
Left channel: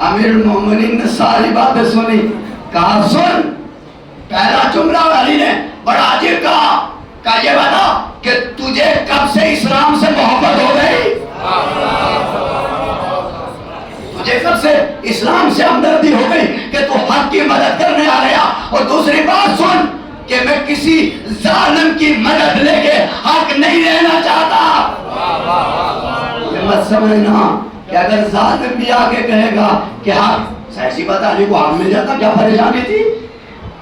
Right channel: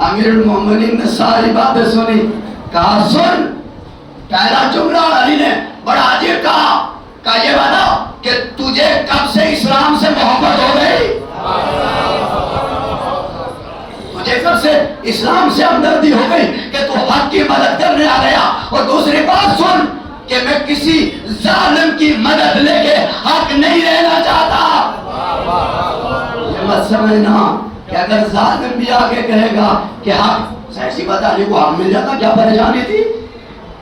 امیر المومنین نے ساری باتیں سنی، کہا سن، پہلا جملہ علی نے بڑا عجیب کہا یہ بتا کہ تجھے کب سے اسلام سے محبت ہو گئی؟ تجھے کب سے اسلام سے ہمدردی ہو گئی کہ تو حق کی مدد کرنے آ گیا؟ اور دوسری بات سن کہ میں کسی ظالم کی مدد لے کے حق نہیں لینا چاہتا۔ یہ مت سمجھنا کہ اگر ظالم بھی آگے کہے گا کہ حق، ایسی بات علی کو حق مل جاتا، کیا پریشانی تھی؟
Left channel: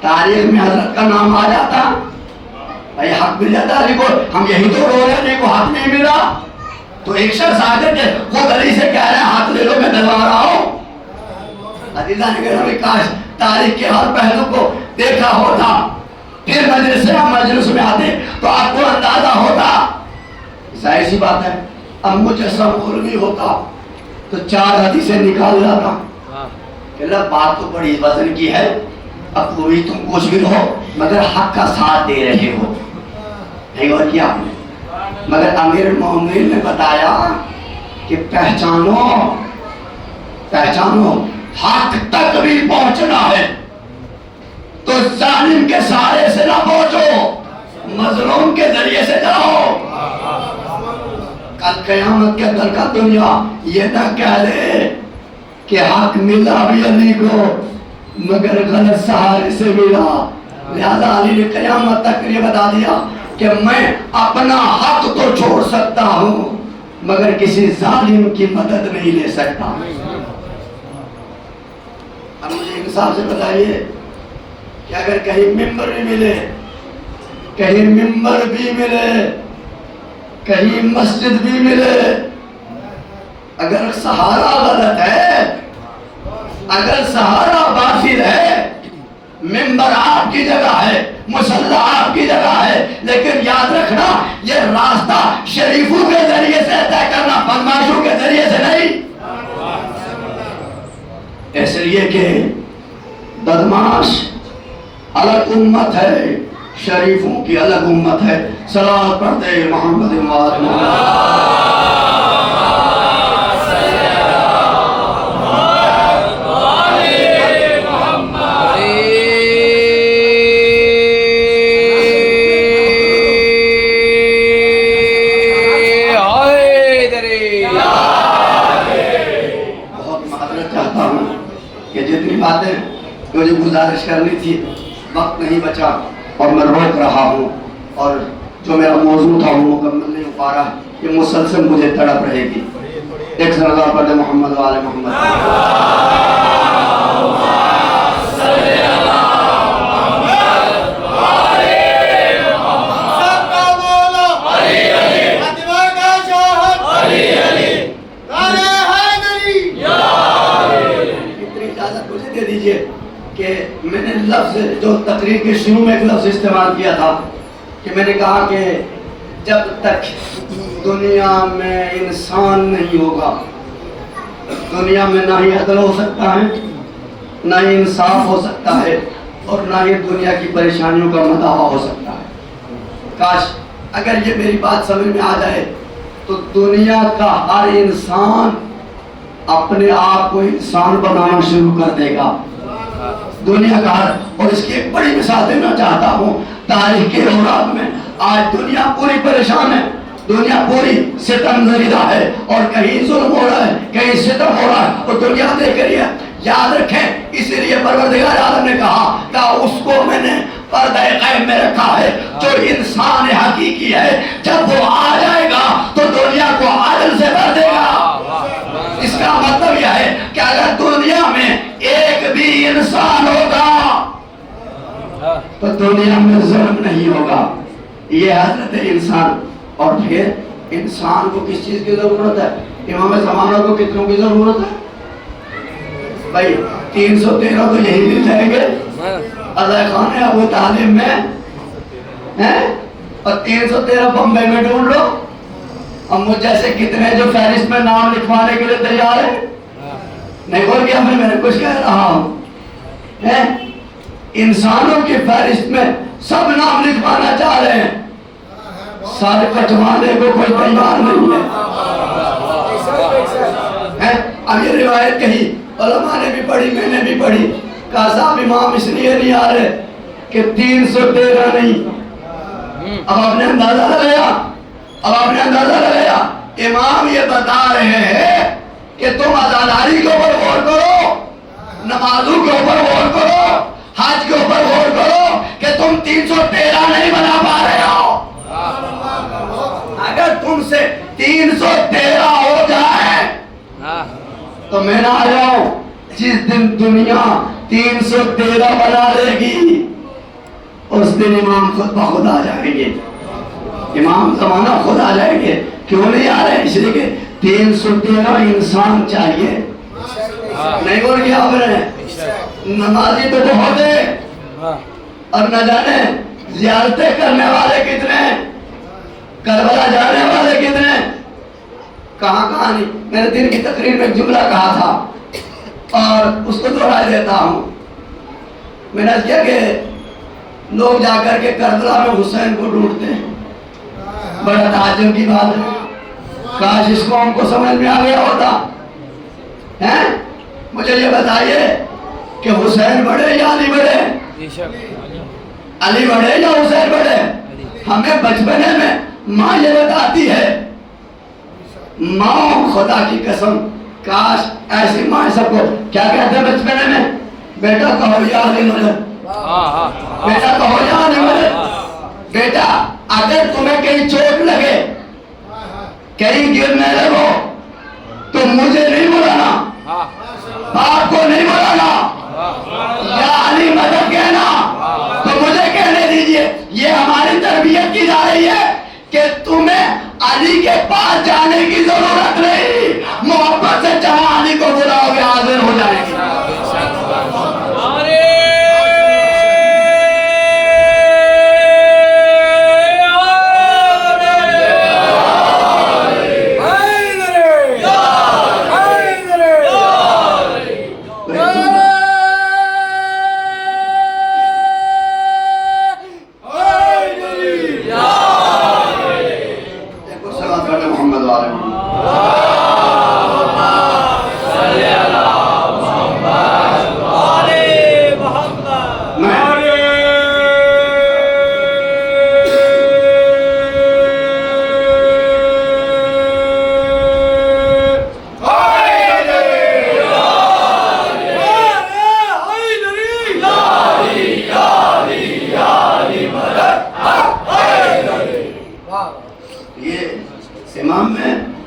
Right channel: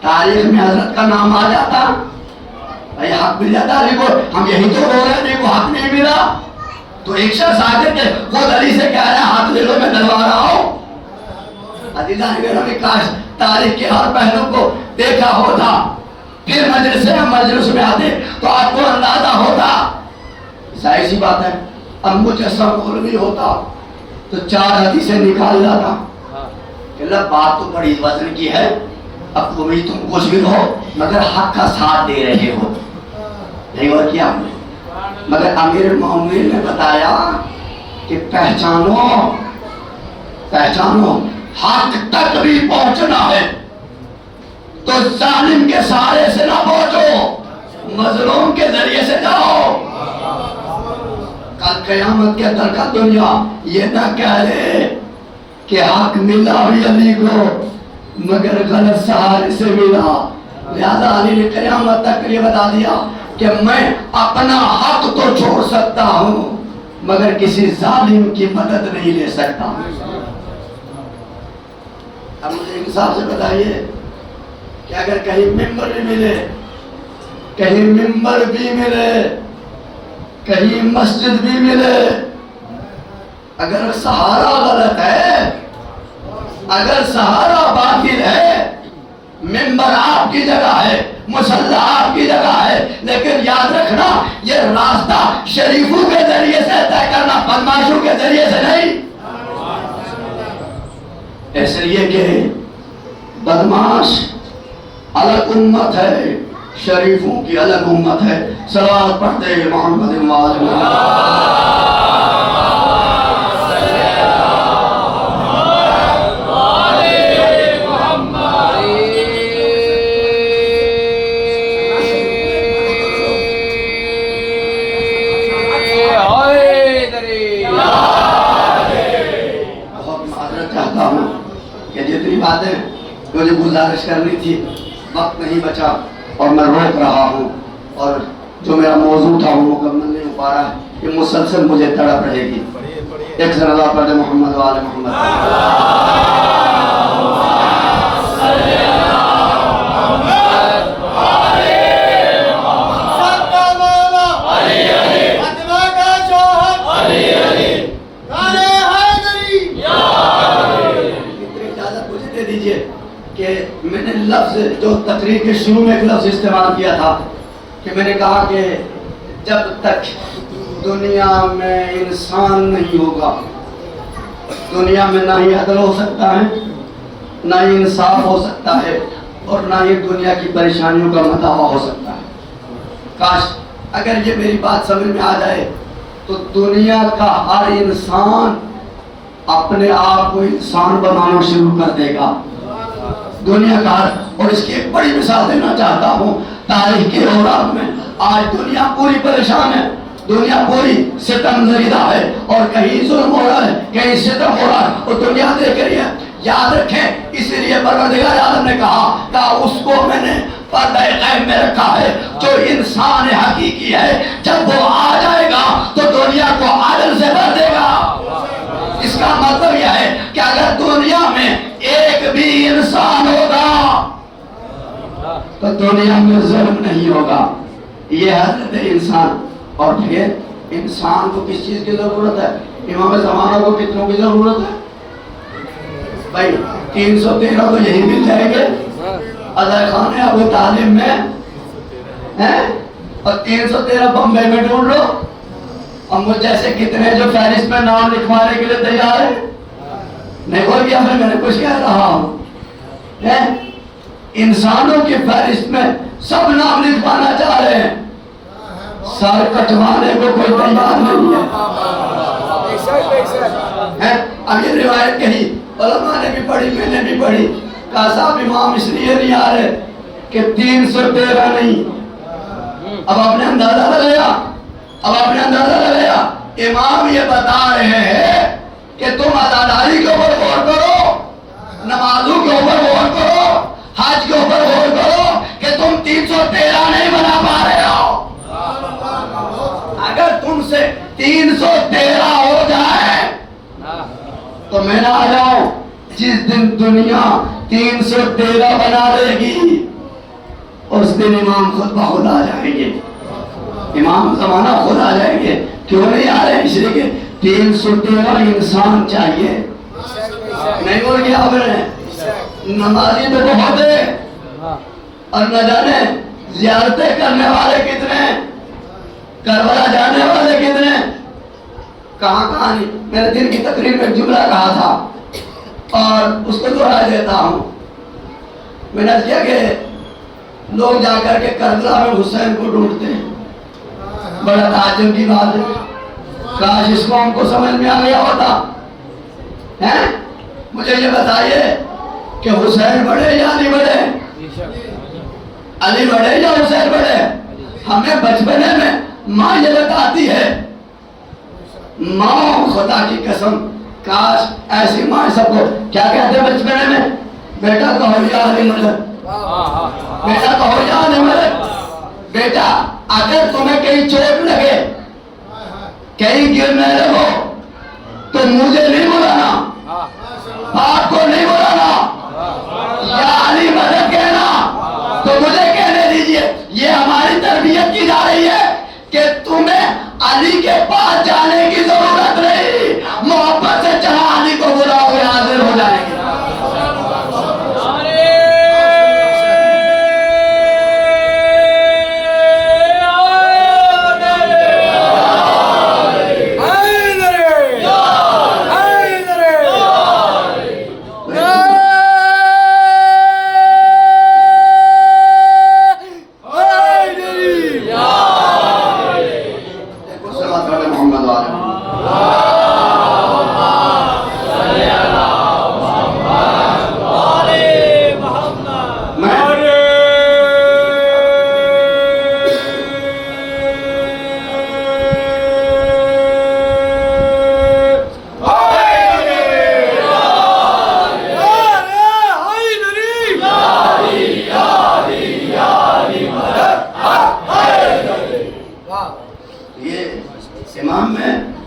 تاریخ میں حضرت کا نام آ جاتا، بھائی حق مل جاتا علی کو، ہم یہی تو رو رہے ہیں علی کو حق نہیں ملا۔ تو ایک شخص آگے کہ وہ علی سے کہہ رہا ہے حق لے لو، میں دلوا رہا ہوں۔ عزیزان گرامی، کاش تاریخ کے ہر پہلو کو دیکھا ہوتا، پھر مجلس میں آتے تو آپ کو اندازہ ہوتا۔ ظاہر سی بات ہے، اب مجسم علمی ہوتا تو 4 حدیثیں نکال لاتا کہ اللہ بات تو بڑی وزن کی ہے، اب وہی تم کچھ بھی ہو مگر حق کا ساتھ دے رہے ہو، نہیں اور کیا؟ مگر امیر المومنین نے بتایا کہ پہچانو حق تک بھی پہنچنا ہے تو ظالم کے سہارے سے نہ پہنچو، مظلوم کے ذریعے سے جاؤ۔ کل قیامت کے اندر کا دنیا یہ نہ کہہ لے کہ حق ملا بھی علی کو مگر غلط سہارے سے ملا۔ لہذا علی نے قیامت تک یہ بتا دیا کہ میں اپنا حق تو چھوڑ سکتا ہوں مگر کسی ظالم کی مدد نہیں لے سکتا۔ اب مجھے انصاف سے بتائیے کہ اگر کہیں ممبر بھی ملے، کہیں ممبر بھی ملے، کہیں مسجد بھی ملے، اگر سہارا غلط ہے، اگر سہارا باطل ہے، ممبر آپ کی جگہ ہے، مصلی آپ کی جگہ ہے، لیکن یاد رکھنا یہ راستہ شریفوں کے ذریعے سے طے کرنا، بدماشوں کے ذریعے سے نہیں۔ اس لیے کہ بدماش الگ امت ہے، شریفوں کی الگ امت ہے۔ صلوات پڑھتے محمد بہت معذرت چاہتا ہوں کہ جتنی باتیں مجھے گزارش کرنی تھی وقت نہیں بچا اور میں روک رہا ہوں، اور جو میرا موضوع تھا وہ مکمل نہیں ہو پا رہا ہے، یہ مسلسل مجھے تڑپ رہے گی۔ ایک صلوات پڑھے محمد و آل محمد۔ اتنی اجازت مجھے دے دیجئے کہ میں نے لفظ جو تقریر کے شروع میں ایک لفظ استعمال کیا تھا کہ میں نے کہا کہ جب تک دنیا میں انسان نہیں ہوگا، دنیا میں نہ ہی عدل ہو سکتا ہے، نہ ہی انصاف ہو سکتا ہے، اور نہ ہی دنیا کی پریشانیوں کا مداوع ہو سکتا ہے۔ کاش اگر یہ میری بات سمجھ میں آ جائے تو دنیا کا ہر انسان اپنے آپ کو انسان بنانا شروع کر دے گا، دنیا کا ہر۔ اور اس کی ایک بڑی مثال دینا چاہتا ہوں، تاریخ کی اوراق میں آج دنیا پوری پریشان ہے، دنیا پوری ستم زدہ ہے، اور کہیں ظلم ہو رہا ہے، کہیں ستم ہو رہا ہے، اور دنیا دیکھ رہی ہے۔ یاد رکھیں، اسی لیے پروردگار عالم نے کہا کہ اس کو میں نے پردہ غیب میں رکھا ہے جو انسان حقیقی ہے، جب وہ آ جائے گا تو دنیا کو عدل سے بھر دے گا۔ اس کا مطلب یہ ہے کہ اگر دنیا میں ایک بھی انسان ہوگا تو دنیا میں ظلم نہیں ہوگا۔ یہ حضرت انسان۔ اور پھر انسان کو کس چیز کی ضرورت ہے؟ امام زمانہ کو کتنوں کی ضرورت ہے؟ بھائی 313 تو یہی مل جائیں گے عزا خان ابو طالب میں ہیں، اور 313 بمبئی میں ڈھونڈ لو، اور مجھ جیسے کتنے جو فہرست میں نام لکھوانے کے لیے تیار ہیں۔ نہیں بول گیا میں نے کچھ کہہ رہا ہوں. انسانوں کی فہرست میں سب نام لکھوانا چاہ رہے ہیں, سارے کٹوانے کو کوئی تیار نہیں ہے. اب یہ روایت کہی, علماء نے بھی پڑھی, میں نے بھی پڑھی, کہا صاحب امام اس لیے نہیں آ رہے کہ 313 نہیں. اب آپ نے اندازہ لگایا, امام یہ بتا رہے ہیں کہ تم عزاداری کے اوپر غور کرو, نمازوں کے اوپر غور کرو, حج کے اوپر غور کرو کہ تم 313 نہیں بنا پا رہے ہو. اگر تم سے 313 ہو جائے تو میں نہ آ جاؤں. جس دن دنیا 313 بنا لے گی اس دن امام خود بخود آ جائیں گے, امام زمانہ خود آ جائیں گے. کیوں نہیں آ رہے؟ اس لیے کہ 313 انسان چاہیے. نہیں بول گیا آپ نے, نمازی تو بہت ہے اور نہ جانے زیارتیں کرنے والے کتنے, کربلا جانے والے کتنے, کہاں کہاں نہیں. میں نے دن کی تقریر میں جملہ کہا تھا اور اس کو دہرا دیتا ہوں. میں نے کیا کہ لوگ جا کر کے کربلا میں حسین کو ڈھونڈتے ہیں, بڑا تعجب کی بات ہے. کاش اس کو ہم کو سمجھ میں آ گیا ہوتا. مجھے یہ بتائیے کہ حسین بڑے یا علی بڑے, علی بڑے یا حسین بڑے؟ ہمیں بچپنے میں ماں یہ بتاتی ہے, ماں خدا کی قسم کاش ایسی ماں سب کو کیا کہتے ہیں بچپنے میں, بیٹا کہو یا علی مدد, بیٹا کہو یا علی مدد. بیٹا اگر تمہیں کہیں چوٹ لگے, کہیں گرنے لگو تو مجھے نہیں بلانا, باپ کو نہیں بلانا, یا علی مدد کہنا. تو مجھے کہنے دیجئے, یہ ہماری تربیت کی جا رہی ہے کہ تمہیں علی کے پاس جانے کی ضرورت نہیں, محبت سے جہاں علی کو بلاؤ گے حاضر ہو جائیں گے.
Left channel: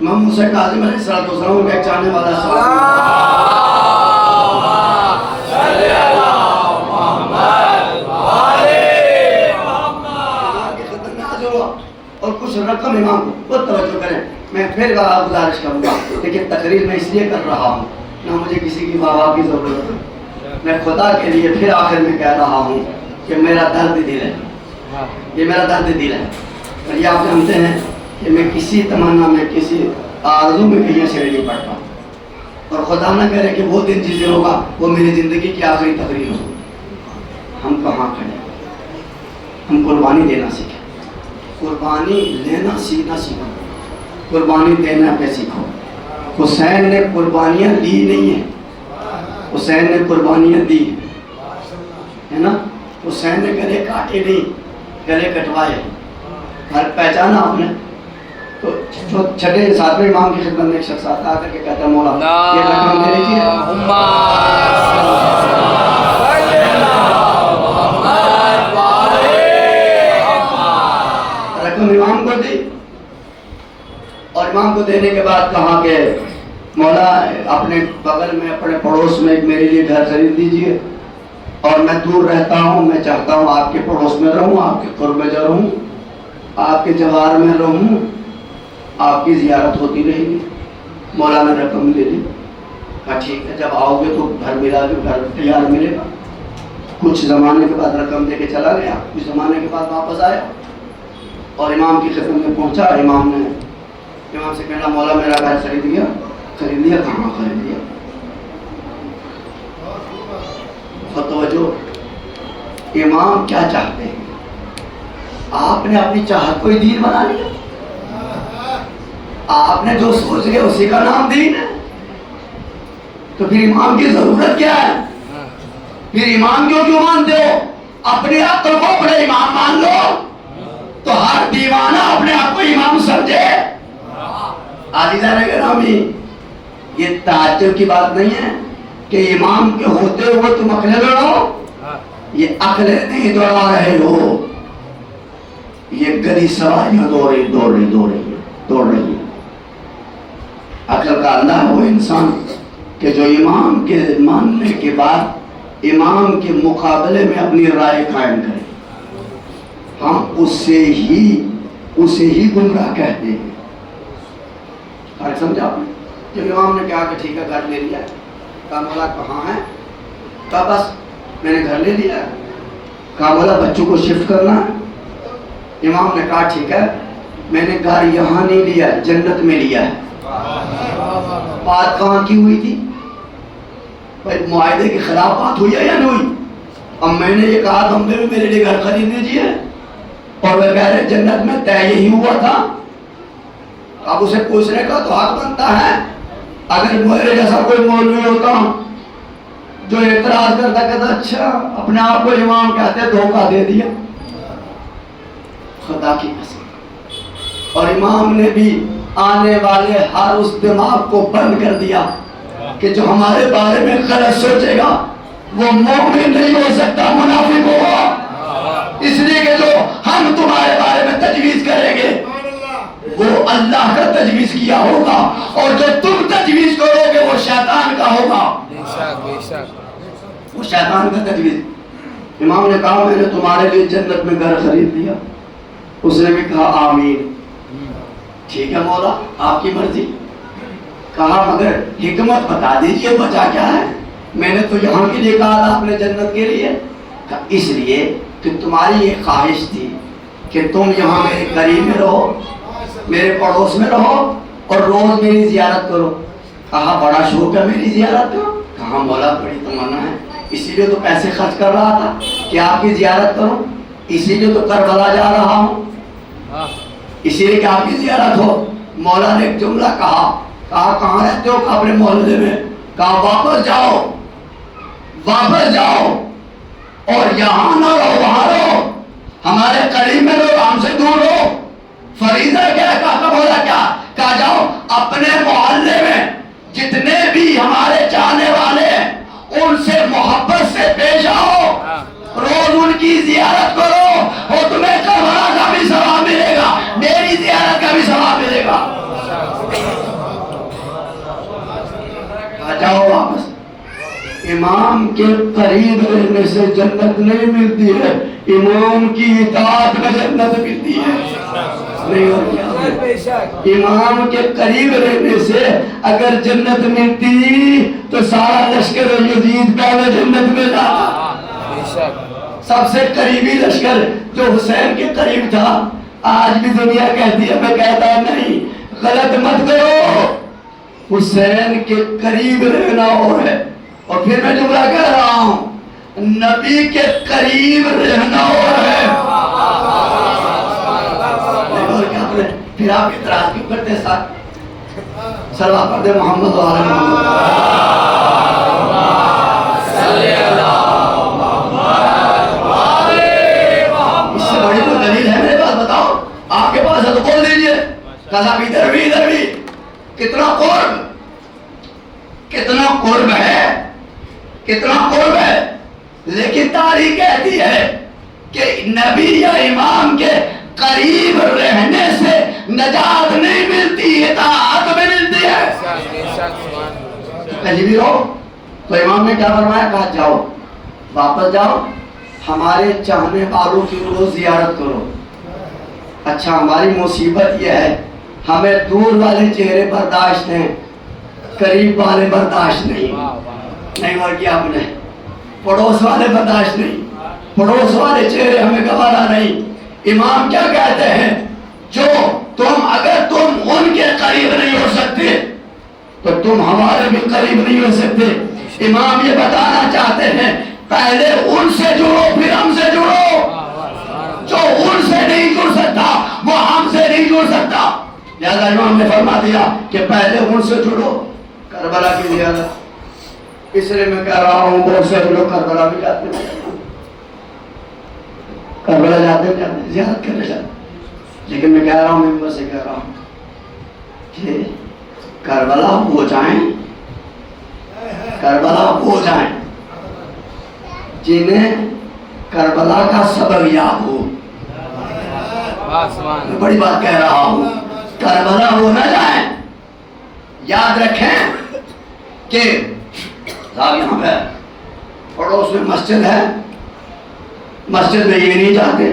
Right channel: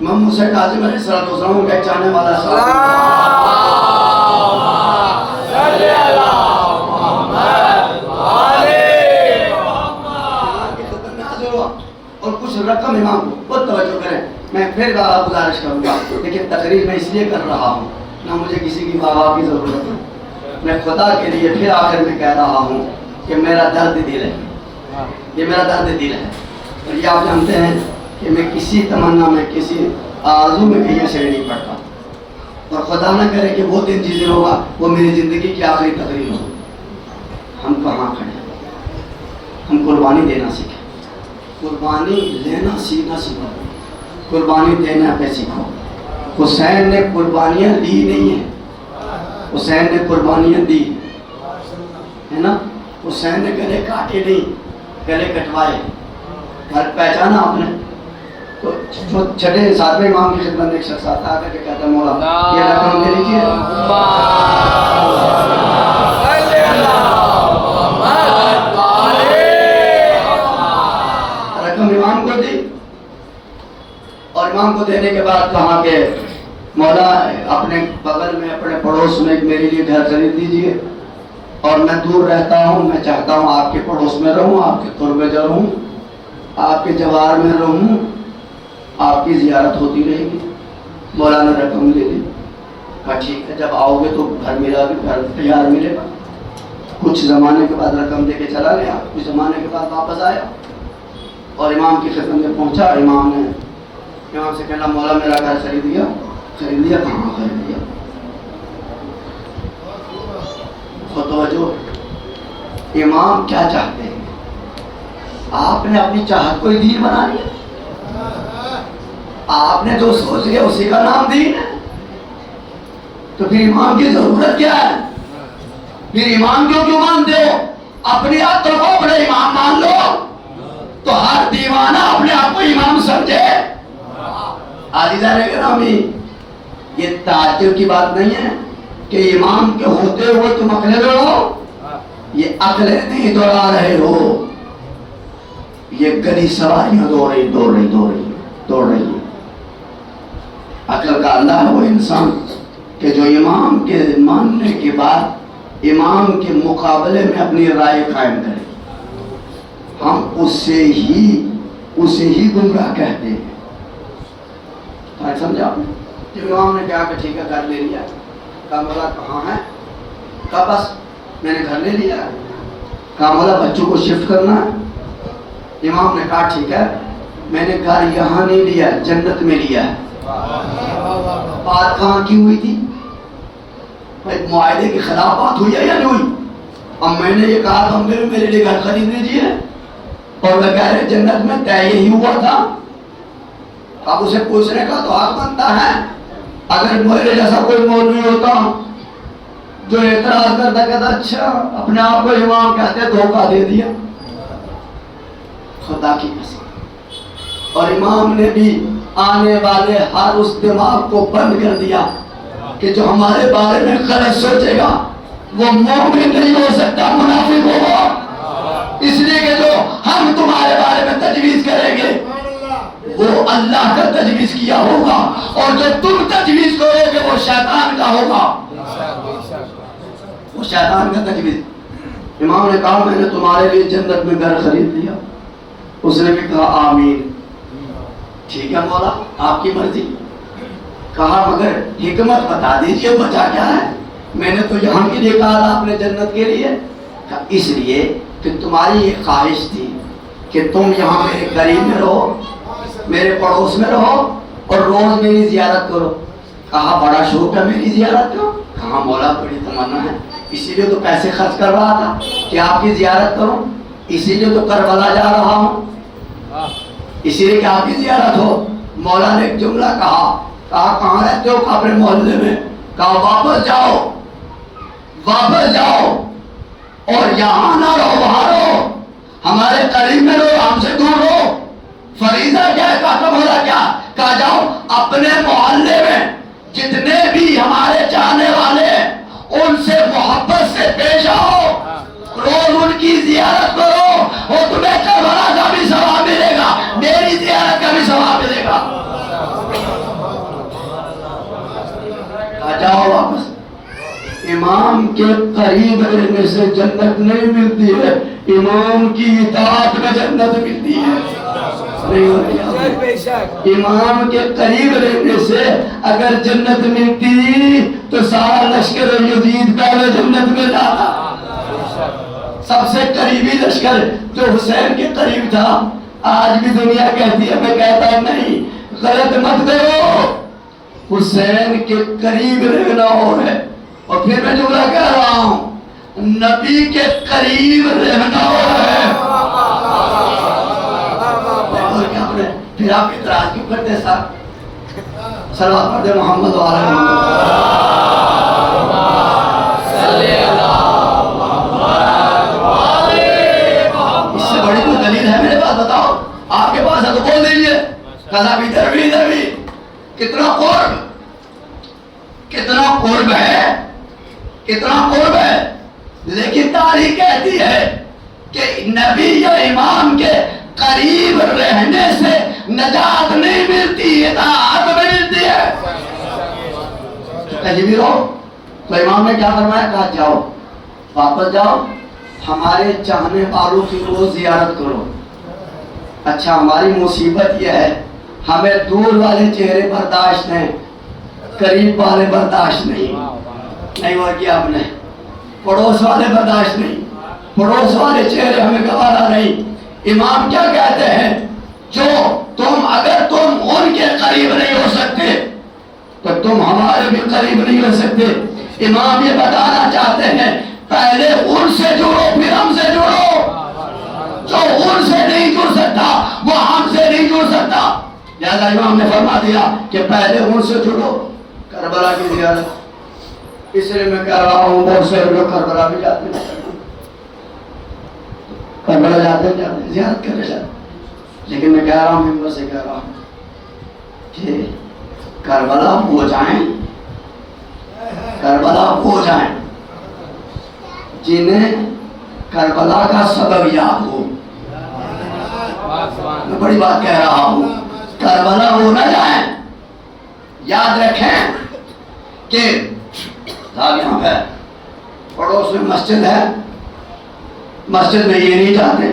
امام موسیٰ کاظم علیہ السلام کو پہچانے والا اور کچھ رقم امام کو بہت توجہ کریں. میں پھر گزارش کروں گا, لیکن تقریر میں اس لیے کر رہا ہوں, نہ مجھے کسی کی واہ کی ضرورت ہے. میں خدا کے لیے پھر آخر میں کہہ رہا ہوں کہ میرا درد دل ہے, یہ میرا درد دل ہے. اور یہ آپ جانتے ہیں کہ میں کسی تمنا میں, کسی آرزو میں کہیں سے نہیں پڑتا, اور خدا نہ کرے کہ وہ دن جس دن ہوگا وہ میری زندگی کی آخری تقریر ہوگی. ہم کہاں کھڑے, ہم قربانی دینا سیکھیں, قربانی لینا سیکھنا سیکھو, قربانی دینا پہ سیکھو. حسین نے قربانیاں دی نہیں ہیں, حسین نے قربانیاں دی ہے نا. حسین نے گلے کاٹے نہیں, گلے کٹوائے. پہچانا آپ نے تو چھٹے ساتویں امام کی خدمت میں ایک شخص آتا ہے کہ کہتا ہے مولا یہ رقم دے لیجیے. رقم امام کو دی, اور امام کو دینے کے بعد کہا کہ مولا اپنے بغل میں, اپنے پڑوس میں ایک میرے لیے گھر خرید دیجیے, اور میں دور رہتا ہوں, میں چاہتا ہوں آپ کے پڑوس میں رہوں, آپ کے قرب میں رہوں, آپ کے جوار میں رہوں, آپ کی زیارت ہوتی رہے گی. مولا نے رقم لے لی, کہا ٹھیک ہے, جب آؤ گے تو گھر ملا گے, گھر تیار ملے گا. کچھ زمانے کے بعد رقم دے کے چلا گیا, کچھ زمانے کے بعد واپس آیا اور امام کی خدمت میں پہنچا. امام نے امام سے کہنا مولا میرا گھر خرید لیا. کہاں خرید لیا؟ اور توجہ، امام کیا چاہتے ہیں؟ آپ نے اپنی چاہت کو ہی دین بنا لیا، آپ نے جو سوچ لیا اسی کا نام دین ہے، تو پھر امام کی ضرورت کیا ہے؟ پھر امام کیوں مانتے ہو؟ اپنی عقل کو اپنے امام مان لو، تو ہر دیوانہ اپنے آپ کو امام سمجھے۔ عزیزان گرامی، یہ تعجب کی بات نہیں ہے کہ امام کے ہوتے ہوئے تم عقلیں دوڑو، یہ عقلیں نہیں دوڑا رہے ہو، یہ گدی سواریاں دوڑ رہی۔ عقل کا اللہ ہے وہ انسان کہ جو امام کے ماننے کے بعد امام کے مقابلے میں اپنی رائے قائم کرے، ہم اسے ہی گمراہ کہتے ہیں۔ فرق سمجھا آپ نے؟ جب امام نے کہا کہ ٹھیک ہے گھر لے لیا، کہا مولا کہاں ہے؟ کہا بس میں نے گھر لے لیا۔ کہا مولا بچوں کو شفٹ کرنا ہے؟ امام نے کہا ٹھیک ہے، میں نے گھر یہاں نہیں لیا، جنت میں لیا ہے۔ بات کہاں کی ہوئی تھی؟ بھائی معاہدے کے خلاف بات ہوئی ہے یا نہیں ہوئی؟ اب میں نے یہ کہا بمبے میں میرے لیے گھر خرید دیجیے، اور وہ کہہ رہے جنت میں طے یہی ہوا تھا۔ اب اسے پوچھنے کا تو حق بنتا ہے، اگر میرے جیسا کوئی مولوی ہوتا جو اعتراض کرتا کہتا اچھا اپنے آپ کو امام کہتے دھوکہ دے دیا، خدا کی قسم۔ اور امام نے بھی آنے والے ہر اس دماغ کو بند کر دیا کہ جو ہمارے بارے میں غلط سوچے گا وہ مومن نہیں ہو سکتا، منافق ہوگا، اس لیے کہ جو ہم تمہارے بارے میں تجویز کریں گے وہ اللہ کا تجویز کیا ہوگا، اور جو تم تجویز کرو گے وہ شیطان کا ہوگا، وہ شیطان کا تجویز۔ امام نے کہا میں نے تمہارے لیے جنت میں گھر خرید لیا۔ اس نے بھی کہا آمین، ٹھیک ہے مولا آپ کی مرضی۔ کہا مگر حکمت بتا دیجئے وجہ کیا ہے؟ میں نے تو یہاں کے لیے کہا تھا، آپ نے جنت کے لیے کہا اس لیے کہ تمہاری یہ خواہش تھی کہ تم یہاں میرے قریب میں رہو، میرے پڑوس میں رہو اور روز میری زیارت کرو۔ کہا بڑا شوق ہے میری زیارت کا؟ کہا مولا بڑی تمنا ہے، اسی لیے تو پیسے خرچ کر رہا تھا کہ آپ کی زیارت کروں، اسی لیے تو کربلا جا رہا ہوں، اسی لیے کہ آپ کی زیارت ہو۔ مولا نے ایک جملہ کہا کہاں رہتے ہو؟ کہا اپنے محلے میں۔ کہا واپس جاؤ اور یہاں نہ رہو، وہاں رہو، ہمارے قریب میں رہو، ہم سے دور رہو۔ فریضہ کیا ہے؟ کہا مولا کیا؟ کہا جاؤ اپنے محلے میں جتنے بھی ہمارے چاہنے والے ہیں ان سے محبت سے پیش آؤ، روز ان کی زیارت کرو، اور تمہیں کربلا کا بھی ثواب ملے گا، میری زیارت کا بھی ثواب ملے گا۔ جاؤ واپس۔ امام کے قریب رہنے سے جنت نہیں ملتی ہے، امام کی اطاعت میں جنت ملتی ہے۔ نہیں ہو رہی؟ امام کے قریب رہنے سے اگر جنت ملتی تو سارا لشکر یزید پہلے جنت میں جاتا۔ سب سے قریبی لشکر جو حسین کے قریب تھا، آج بھی دنیا کہتی ہے، میں کہتا نہیں، غلط مت کرو، حسین کے قریب رہنا اور ہے، اور پھر میں جملہ کہہ رہا ہوں نبی کے قریب رہنا اور ہے۔ پھر آپ اعتراض کیوں کرتے ساتھ؟ صلوات پڑھ دے محمد و آل محمد۔ اس سے بڑی کوئی دلیل ہے میرے پاس؟ بتاؤ، آپ کے پاس ہے تو بول دیجئے۔ قضا بھی ادھر بھی کتنا قرب ہے، لیکن تاریخ کہتی ہے کہ نبی یا امام کے قریب رہنے سے نجات نہیں ملتی، اطاعت میں ملتی ہے۔ کہیں بھی رہو تو امام نے کیا فرمایا؟ کہا جاؤ واپس جاؤ، ہمارے چاہنے والوں کی روز زیارت کرو۔ اچھا ہماری مصیبت یہ ہے ہمیں دور والے چہرے برداشت ہیں، قریب والے برداشت نہیں ہوا کیا آپ نے، پڑوس والے برداشت نہیں، پڑوس والے چہرے ہمیں گوارا نہیں۔ امام کیا کہتے ہیں؟ جو اگر تم ان کے قریب نہیں ہو سکتے تو تم ہمارے بھی قریب نہیں ہو سکتے۔ امام یہ بتانا چاہتے ہیں پہلے ان سے جڑو پھر ہم سے جڑو. جو ان سے نہیں جڑ سکتا وہ ہم سے نہیں جڑ سکتا. لہذا امام نے فرما دیا کہ پہلے ان سے جڑو. کربلا کی زیارت اس لیے میں کہہ رہا ہوں بہت سے لوگ کربلا بھی جاتے ہیں, کربلا جاتے ہیں زیارت کرنے جاتے, لیکن میں کہہ رہا ہوں میں سے کہہ رہا ہوں کہ کربلا ہو جائیں, کربلا ہو جائیں جنہیں کربلا کا سبب یاد ہو. میں بڑی بات کہہ رہا ہوں, کربلا ہو نہ جائیں. یاد رکھیں کہ صاحب یہاں ہے پڑوس میں مسجد ہے, مسجد میں یہ نہیں جاتے,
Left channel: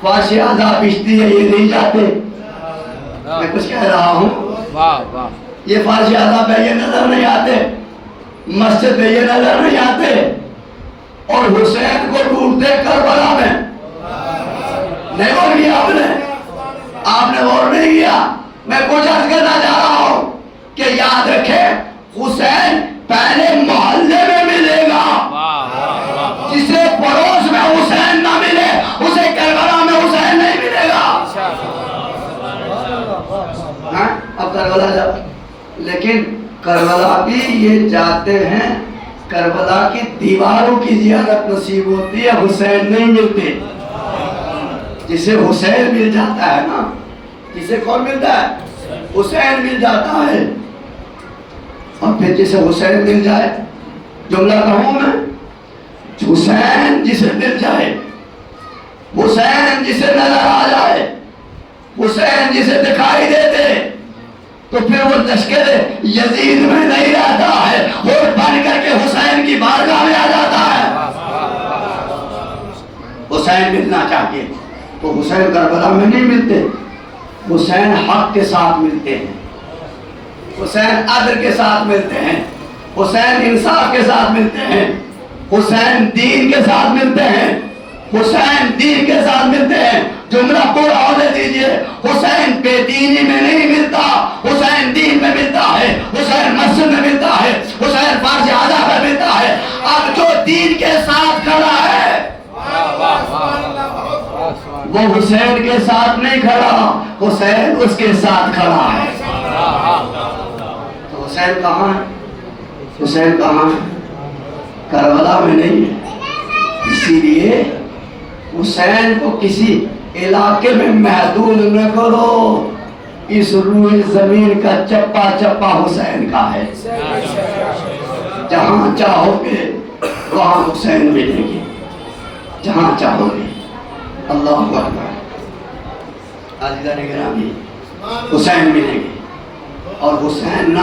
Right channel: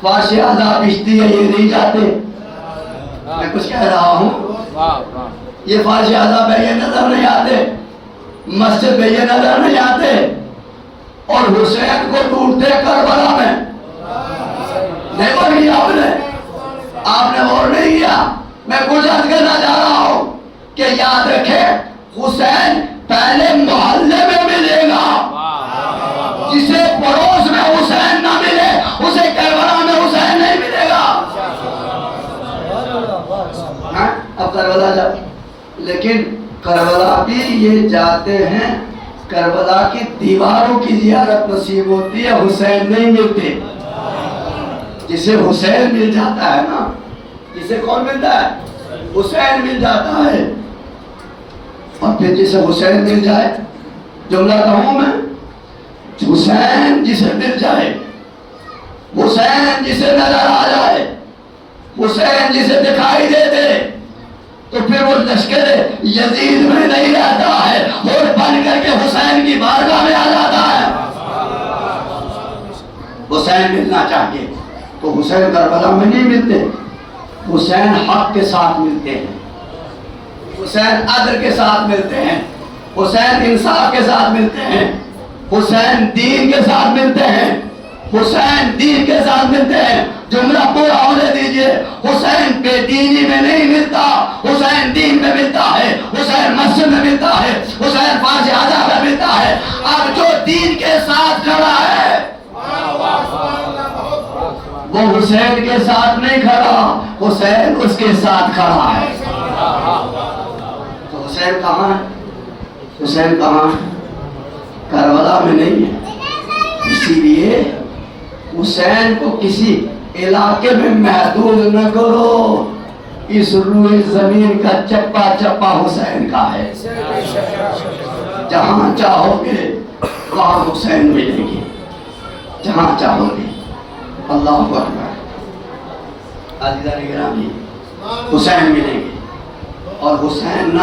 فارش اعضاء پچھتی ہے یہ نہیں جاتے. میں کچھ کہہ رہا ہوں, یہ فارش اعضاء پہ یہ نظر نہیں آتے, مسجد میں یہ نظر نہیں آتے, اور حسین کو ڈھونڈتے کربلا میں. نہیں غور کیا آپ نے غور نہیں کیا. میں کچھ عرض کرنا چاہ رہا ہوں کہ یاد رکھیں حسین پہلے محلے میں ملے گا. جسے پڑوس میں حسین نہ ملے اسے کربلا میں حسین نہیں ملے گا. اب کربلا جا, لیکن کربلا بھی یہ جاتے ہیں, کربلا کی دیواروں کی زیارت نصیب ہوتی ہے, حسین نہیں ملتے. جسے حسین مل جاتا ہے نا, جسے کون ملتا ہے؟ حسین مل جاتا ہے. اور پھر جسے حسین مل جائے, جملہ کہوں میں, حسین جسے مل جائے, حسین جسے نظر آ جائے, حسین جسے دکھائی دے دے, تو پھر وہ لشکر یزید میں نہیں رہتا ہے, اور بن کر کے حسین کی بارگاہ میں آ جاتا ہے. حسین ملنا چاہیے تو حسین کربلا میں نہیں ملتے, حسین حق کے ساتھ ملتے ہیں, حسین عدل کے ساتھ ملتے ہیں, حسین انصاف کے ساتھ ملتے ہیں, حسین دین کے ساتھ ملتے ہیں, حسین دین کے ساتھ ملتے ہیں. جملہ پورا ہونے دیجئے, حسین بے دینی میں نہیں ملتا, حسین دین میں ملتا ہے, حسین مسجد میں ملتا ہے, حسین فارش اعضاء میں ملتا ہے. اب جو دین کے ساتھ کھڑا ہے وہ حسین کے ساتھ نہیں کھڑا, حسین اس کے ساتھ کھڑا ہے. تو حسین کہاں ہے؟ حسین کہاں ہے؟ کربلا میں نہیں ہے. اسی لیے حسین کو کسی علاقے میں محدود نہ کرو. اس روئے زمین کا چپا چپا حسین کا ہے. جہاں چاہو گے وہاں حسین ملیں گے, جہاں چاہو گے. اللہ اکبر. عزیزان گرامی, حسین ملیں گے, اور حسین نہ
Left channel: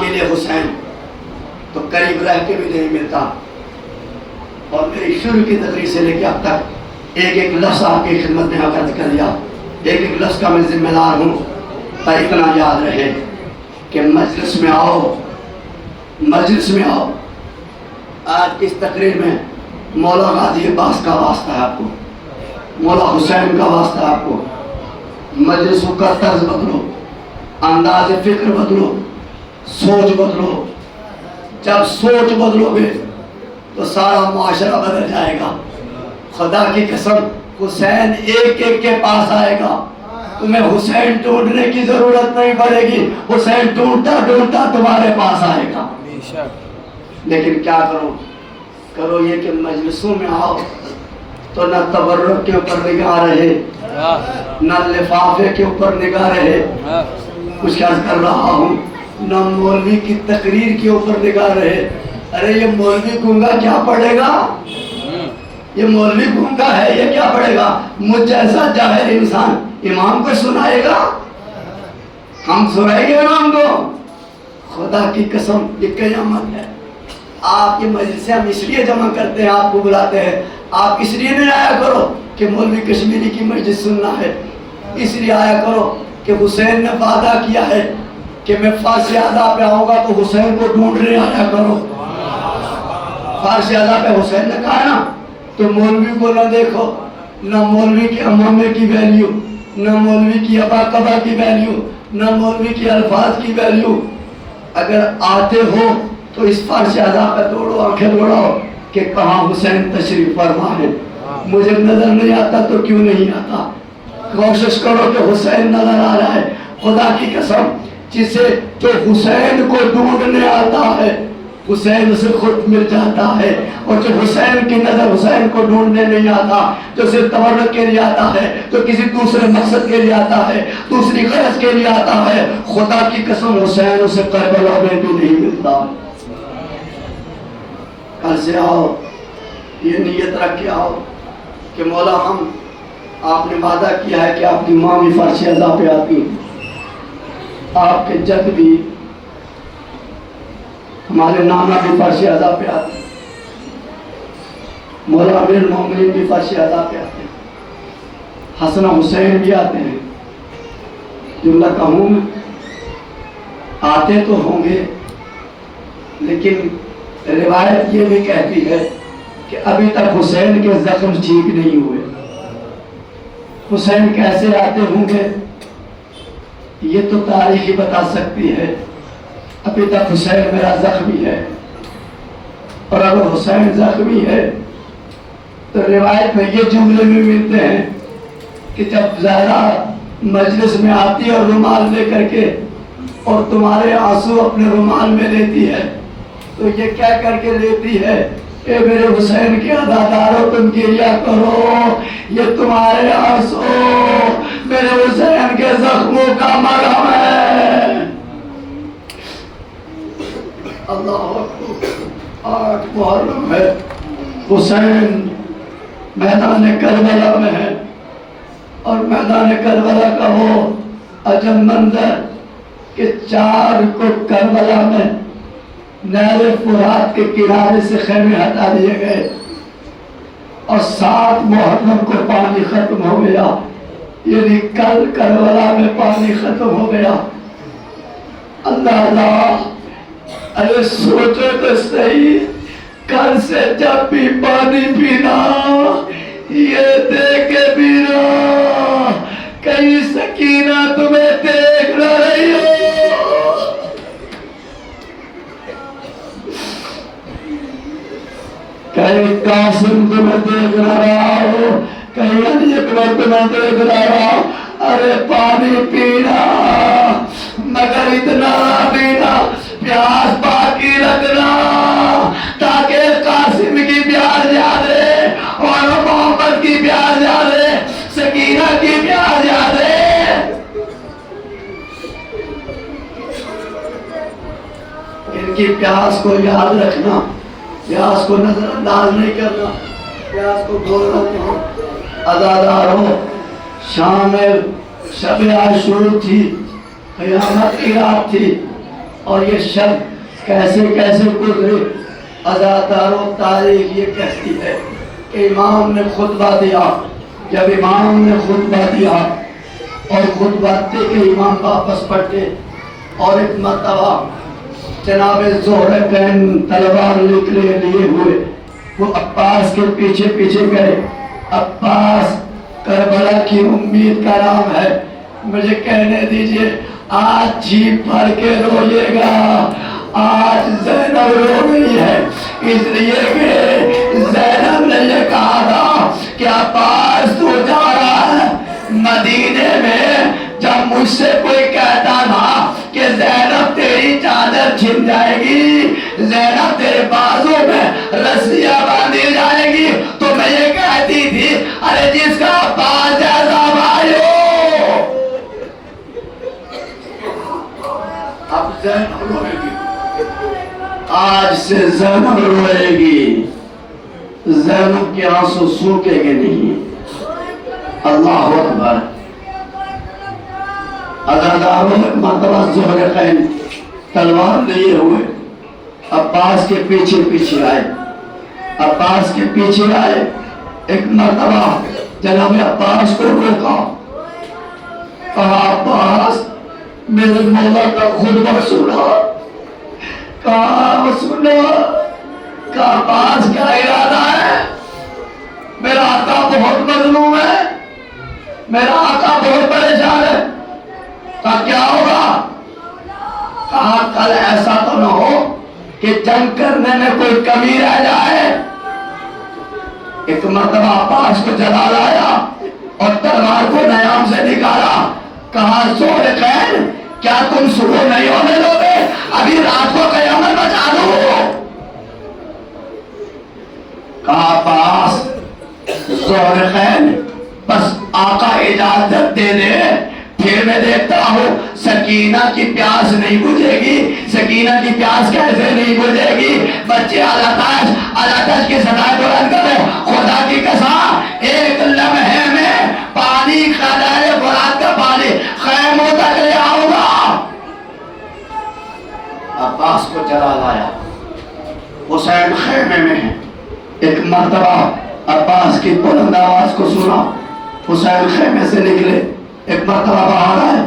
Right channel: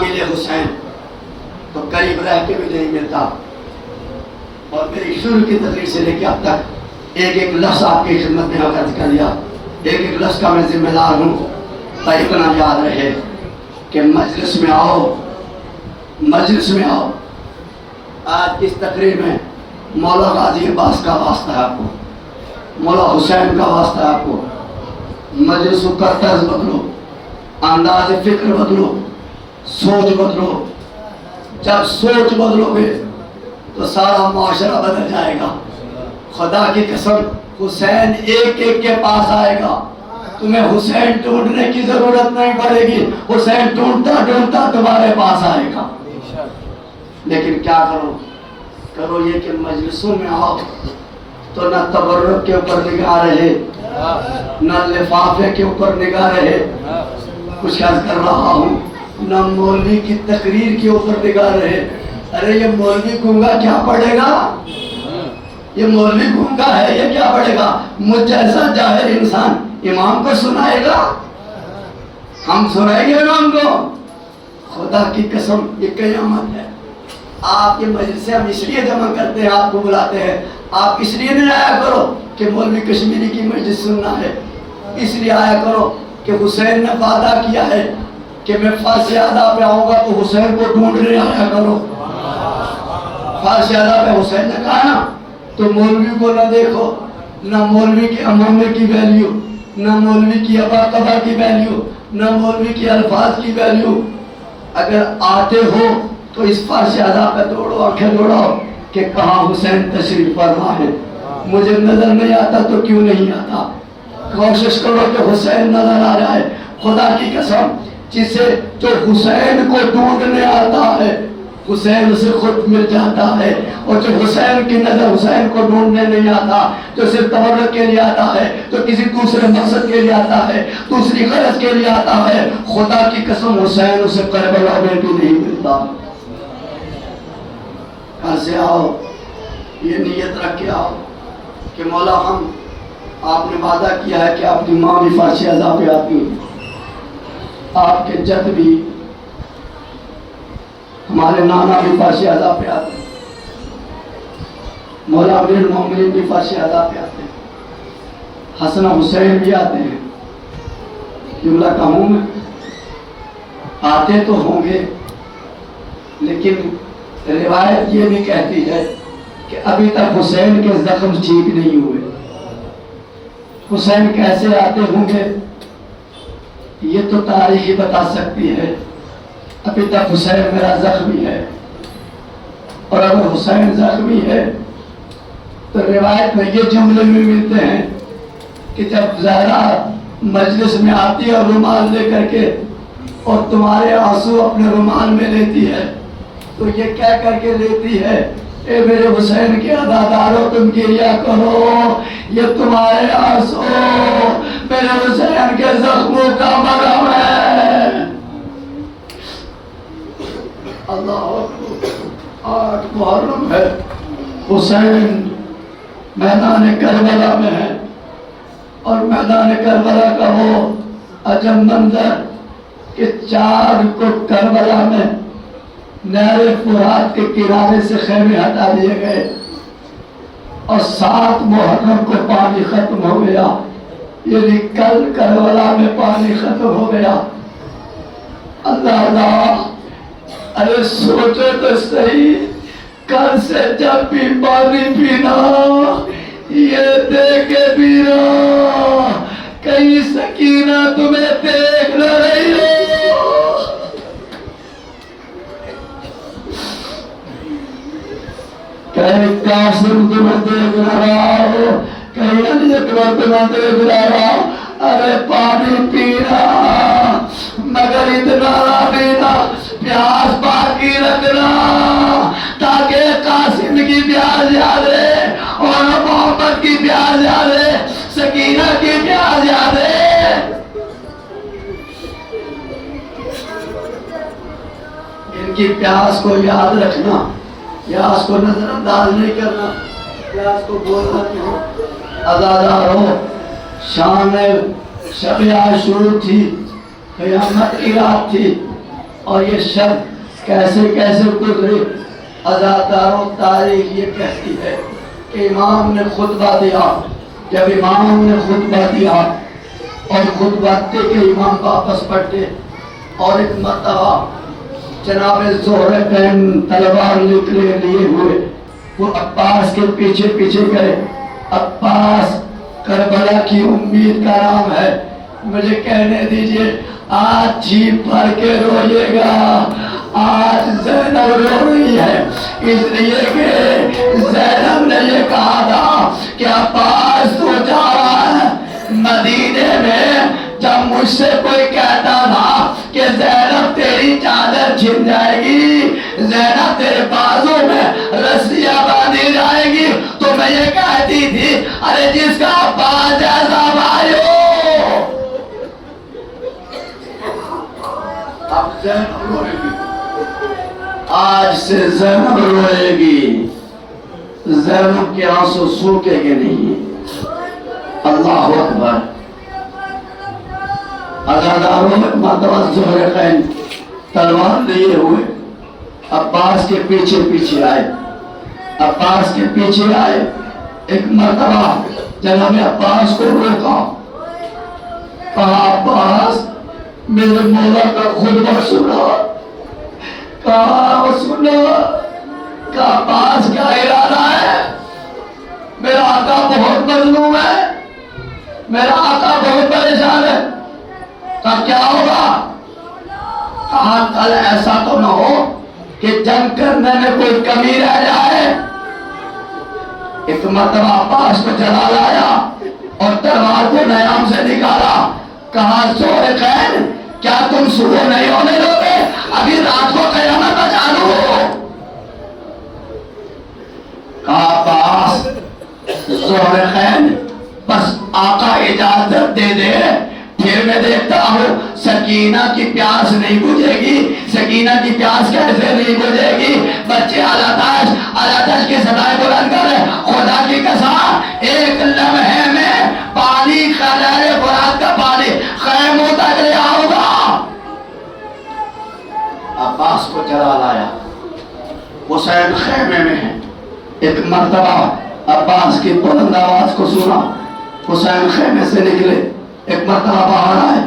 ملے حسین تو قریب رہ کے بھی نہیں ملتا. اور میری شروع کی تقریر سے لے کے اب تک ایک ایک لفظ آپ کی خدمت میں عرض کر دیا, ایک ایک لفظ کا میں ذمہ دار ہوں. پر اتنا یاد رہے کہ مجلس میں آؤ, مجلس میں آؤ. آج اس تقریر میں مولا غازی عباس کا واسطہ ہے آپ کو, مولا حسین کا واسطہ ہے آپ کو. مجلس کا طرز بدلو, انداز فکر بدلو, سوچ بدلو. جب سوچ بدلو گے تو سارا معاشرہ بدل جائے گا. خدا کی قسم حسین ایک ایک کے پاس آئے گا, تمہیں حسین ڈھونڈنے کی ضرورت نہیں پڑے گی, حسین ڈھونڈتا ڈھونڈتا تمہارے پاس آئے گا. لیکن کیا کرو یہ کہ مجلسوں میں آؤ تو نہ تبرک کے اوپر نگاہ رہے, نہ لفافے کے اوپر نگاہ رہے. کچھ عرض کر رہا ہوں, نہ مولوی کی تقریر کے اوپر نگاہ رہے. ارے یہ مولوی گنگا کیا پڑھے گا, یہ مولوی گنگا ہے, یہ کیا پڑھے گا. مجھ جیسا جاہل انسان امام کو سنائے گا, ہم سنائیں گے امام کو. خدا کی قسم یہ قیامت ہے. آپ یہ مجلس ہم اس لیے جمع کرتے ہیں, آپ کو بلاتے ہیں, آپ اس لیے نہیں آیا کرو کہ مولوی کشمیری کی مجلس سننا ہے. اس لیے آیا کرو کہ حسین نے وعدہ کیا ہے کہ میں فارش اعضاء پہ آؤں گا تو حسین کو ڈھونڈنے آیا کرو. فارش اعضاء پہ حسین نے کہا نا, تو مولوی کو نہ دیکھو, نہ مولوی کے امامے کی ویلیو, نہ مولوی کی ابا قبا کی ویلیو, نہ مولوی کے الفاظ کی ویلیو. اگر آتے ہو تو اس فرش ادا پہ توڑو آنکھیں دوڑاؤ کہ کہاں حسین تشریف فرما ہے. مجھے نظر نہیں آتا تو کیوں نہیں آتا؟ کوشش کرو کہ حسین نظر آ رہا ہے. خدا کی قسم جسے جو حسین کو ڈھونڈنے آتا ہے حسین سے خود مل جاتا ہے. اور جو حسین کی نظر حسین کو ڈھونڈنے نہیں آتا، جو صرف تبرک کے لیے آتا ہے، جو کسی دوسرے مقصد کے لیے آتا ہے، دوسری غرض کے لیے آتا ہے، خدا کی قسم حسین اسے کربلا میں بھی نہیں ملتا. کل سے آؤ، یہ نیت رکھ کے آؤ کہ مولا ہم آپ نے وعدہ کیا ہے کہ آپ کی ماں بھی فرش اعلیٰ پہ آتی ہے، آپ کے جد بھی، ہمارے نانا بھی فرش اعلیٰ پہ آتے ہیں، مولا امیر المومنین بھی فرش اعلیٰ پہ آتے ہیں، حسن حسین بھی آتے ہیں. جملہ کہوں میں آتے تو ہوں گے، لیکن روایت یہ بھی کہتی ہے کہ ابھی تک حسین کے زخم ٹھیک نہیں ہوئے. حسین کیسے آتے ہوں گے یہ تو تاریخ ہی بتا سکتی ہے. ابھی تک حسین میرا زخمی ہے، اور اگر حسین زخمی ہے تو روایت میں یہ جملے بھی ملتے ہیں کہ جب زہرا مجلس میں آتی ہے اور رومال لے کر کے اور تمہارے آنسو اپنے رومال میں لیتی ہے تو یہ کیا کر کے لیتی ہے؟ اے میرے حسین کے عزادارو تم گریہ کرو، یہ تمہارے آنسو میرے حسین کے زخموں کا مرہم ہے. اللہ اکبر. 8 محرم ہے، حسین میدان کربلا میں ہے، اور میدان کربلا کا وہ عجب منظر کہ 4 کو کربلا میں نہر فرات کے کنارے سے خیمے ہٹا دیے گئے، اور 7 محرم کو پانی ختم ہو گیا. یعنی کل کربلا میں پانی ختم ہو گیا. اللہ اللہ، ارے سوچے تو صحیح، کل سے جب بھی پانی پینا یہ دیکھ کے پینا کہیں سکینہ تمہیں دیکھ نہ رہی ہو. کہیں قاسم تمہیں دیکھ رہا ہو، کہیں علی اکبر تمہیں دیکھ رہا ہو. ارے پانی پینا، مگر اتنا پینا، پیاس باقی رکھنا تاکہ قاسم کی پیاس یادے اور محمد کی پیاس یادے، سکینہ کی پیاس یادے. ان کی پیاس کو یاد رکھنا، پیاس کو نظر انداز نہیں کرنا، پیاس کو بھولنا نہیں. عزادارو، شامل شب عاشور تھی، قیامت کی رات تھی، اور یہ شب کیسے کیسے گزرے. عزادارو، تاریخ یہ کہتی ہے کہ امام نے خطبہ دیا. جب امام نے خطبہ دیا اور خطبہ دے کے امام واپس پلٹے، اور ایک مرتبہ جناب ذوالفقارین تلوار نکلے لیے ہوئے وہ عباس کے پیچھے پیچھے گئے. عباس کربلا کی امید کا نام ہے. مجھے کہنے دیجئے، آج جھیپ بھر کے روئیے گا. آج زینب رو رہی ہے اس لیے کہ زینب نے یہ کہا تھا کہ عباس تو جا رہا ہے مدینے میں. جب مجھ سے کوئی کہتا تھا کہ زینب تیری چادر چھن جائے گی، زینب تیرے بازوں میں رسیاں باندھی جائے گی، تو میں یہ کہتی تھی ارے جس کا عباس جیسا بھائی ہو. اب زینب روئے گی، آج سے زینب روئے گی. زینب کے آنسو سوکھے گے نہیں. اللہ اکبر. عزاداروں میں مرتبہ ذوالفقارین تلوار لیے ہوئے عباس کے پیچھے پیچھے آئے. عباس کے پیچھے آئے. ایک مرتبہ جناب عباس کو روکا، کہا عباس میرے مولا کا خطبہ سنا. کہا سنا. کہا عباس کیا ارادہ ہے؟ میرا آقا بہت مظلوم ہے، میرا آقا بہت پریشان ہے. کہا کیا ہوگا؟ کہا کل ایسا تو نہ ہو کہ کہ جنگ کرنے میں کوئی کمی رہ جائے. ایک مرتبہ عباس کو جلال آیا اور تلوار کو نیام سے نکالا. کہا ذوالقرنین کیا تم صبح نہیں ہونے دو گے؟ ابھی رات کو قیامت بچا دو. کہا عباس ذوالقرنین بس آقا اجازت دے دے پھر میں دیکھتا ہوں سکینہ کی پیاس نہیں بجھے گی. سکینہ کی پیاس کیسے نہیں بجھے گی؟ بچے علاتش کی صدائے بلند کرے. خدا کی قسم ایک لمحے میں پانی خدائے فرات کا پانی خیموں تک لے آؤں گا. عباس کو جلال آیا. حسین خیمے میں ہے. ایک مرتبہ عباس کی بلند آواز کو سنا. حسین خیمے سے نکلے. ایک مرتبہ باہر آئے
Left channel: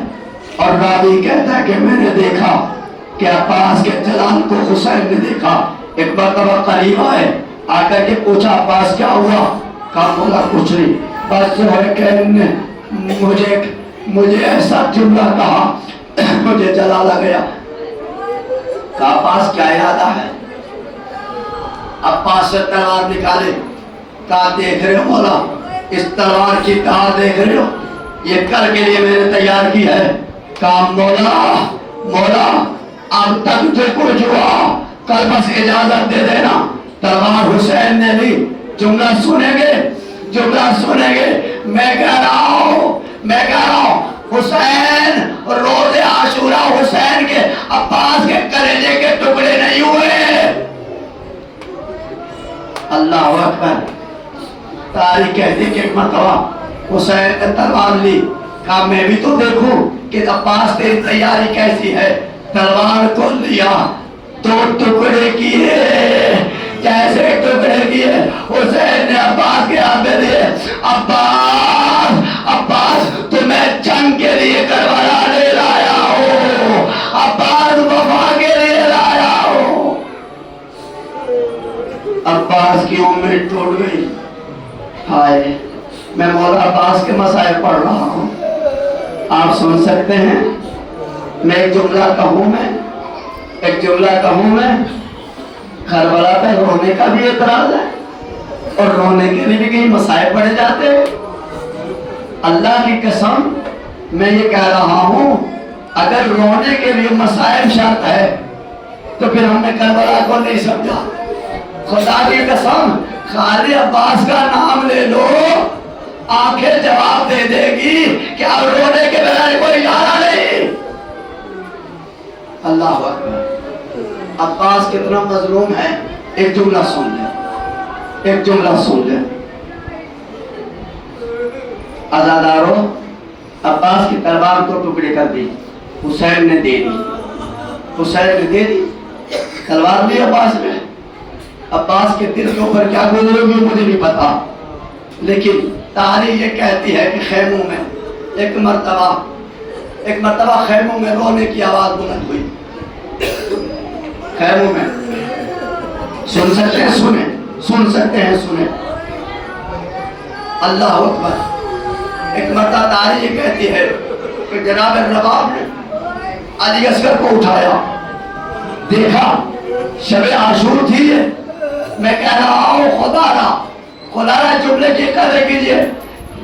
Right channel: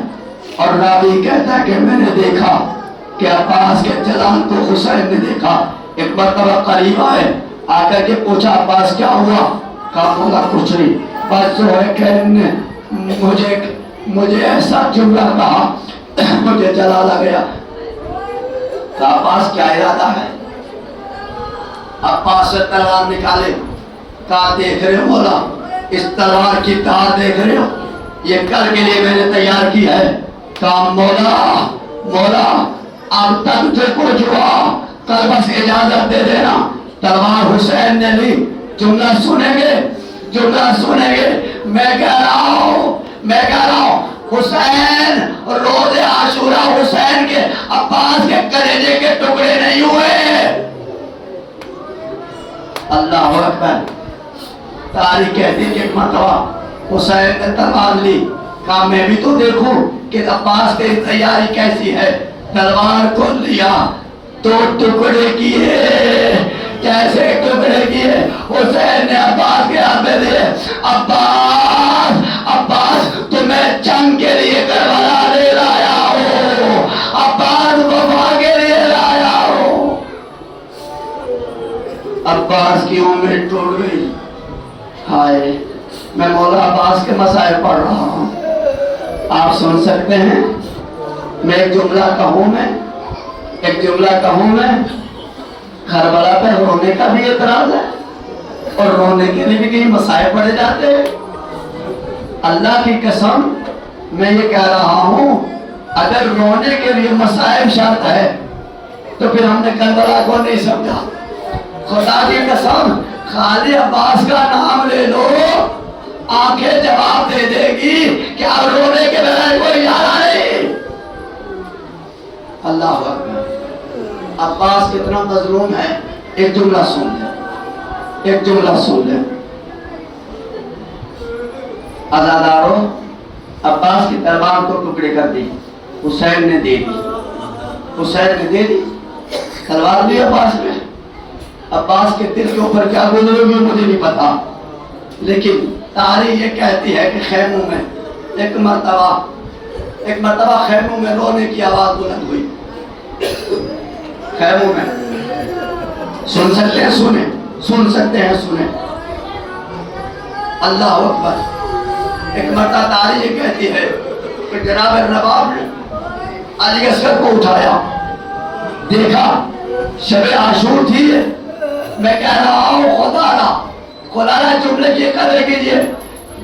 اور راوی کہتا ہے کہ میں نے دیکھا کہ عباس کے جلال کو حسین نے دیکھا. ایک مرتبہ قریب آئے. آ کر کے پوچھا عباس کیا ہوا؟ کہا مولا کچھ نہیں، بس ذوالقرنین نے مجھے ایسا جملہ کہا مجھے جلال آ گیا. کہا عباس کیا ارادہ ہے؟ عباس سے تلوار نکالے. کہا دیکھ رہے ہو مولا اس تلوار کی تار دیکھ رہے ہو؟ یہ کل کے لیے میں نے تیار کی ہے. کہا مولا اب تک جو کچھ ہوا کل بس اجازت دے دینا. تلوار حسین نے لی. جملہ سنیں گے. میں کہہ رہا ہوں حسین روز عاشورہ حسین کے عباس کے کلیجے کے ٹکڑے نہیں ہوئے. اللہ اکبر. تاریخ کہتی کہ ایک مرتبہ حسین نے تلوار لی. کہا میں بھی تو دیکھوں کہ عباس تیری تیاری کیسی ہے. تلوار کو لیا، 2 ٹکڑے کیے. کیسے ٹکڑے کیے؟ حسین نے عباس کے ہاتھ میں دیے. عباس تمہیں جنگ کے لیے کربلا لے لایا ہو. عباس وفا کے لیے لایا ہو. عباس کی امید ٹوٹ گئی. ہائے میں مولا عباس کے مسائل پڑھ رہا ہوں. آپ سن سکتے ہیں. میں ایک جملہ کہوں میں کربلا پہ رونے کا بھی اعتراض ہے اور رونے کے لیے بھی کہیں مسائل پڑے جاتے ہیں. اللہ کی قسم میں یہ کہہ رہا ہوں اگر رونے کے لیے مسائل شرط ہے تو پھر ہم نے کربلا کو نہیں سمجھا. خدا کی قسم خالی عباس کا نام لے لو آنکھیں جواب دے دے گی کہ اب رونے کے بغیر کوئی چارہ نہیں. اللہ اکبر. عباس کتنا مظلوم ہے. ایک جملہ سن لے. عزادارو عباس کی تلوار کو ٹکڑے کر دی. حسین نے دے دی. تلوار لی عباس نے. عباس کے دل کے اوپر کیا گزرے ہوئی مجھے نہیں پتا، لیکن تاریخ یہ کہتی ہے کہ خیموں میں ایک مرتبہ خیموں میں رونے کی آواز بلند ہوئی. خیموں میں سن سکتے ہیں سنیں. اللہ اکبر. ایک مرتبہ تاریخ یہ کہتی ہے کہ جناب نواب نے علی اصغر کو اٹھایا. دیکھا شب عاشور تھی. میں کہہ رہا ہوں خدا را جملے کی قدر کیجئے.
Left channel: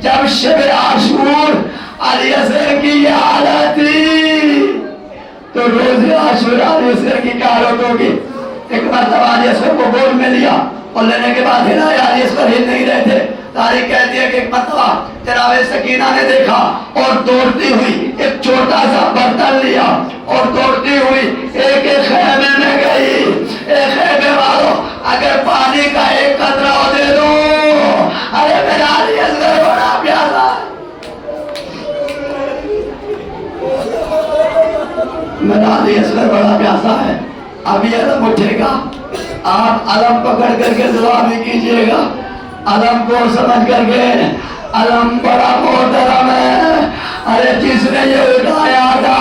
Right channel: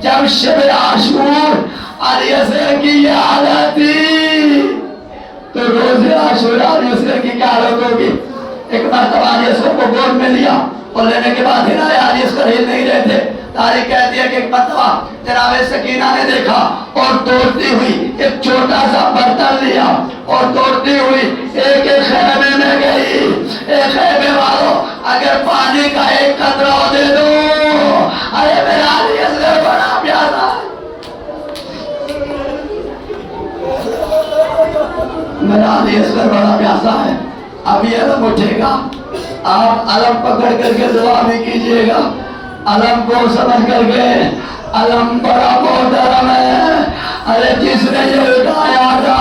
جب شب عاشور علی اصغر کی یہ حالت تھی تو روز عاشور علی اصغر کی کیا حالت ہوگی. ایک مرتبہ علی اصغر کو گود میں لیا اور لینے کے بعد ہلایا. علی اصغر ہل نہیں رہے تھے. تاریخ کہتی ہے کہ ایک مرتبہ جناب سکینہ نے دیکھا اور دوڑتی ہوئی ایک چھوٹا سا برتن لیا اور دوڑتی ہوئی ایک خیمے میں گئی. ایک خیمے والوں اگر پانی کا ایک قطرہ دے دو. ارے میرا علی اصغر بڑا پیاسا. میرا علی اصغر بڑا پیاسا ہے. اب یہ علم اٹھے گا. آپ علم پکڑ کر کے دعا بھی کیجئے گا. علم کو سمجھ کر کے علم بڑا محترم ہے. ارے جس نے یہ اٹھایا تھا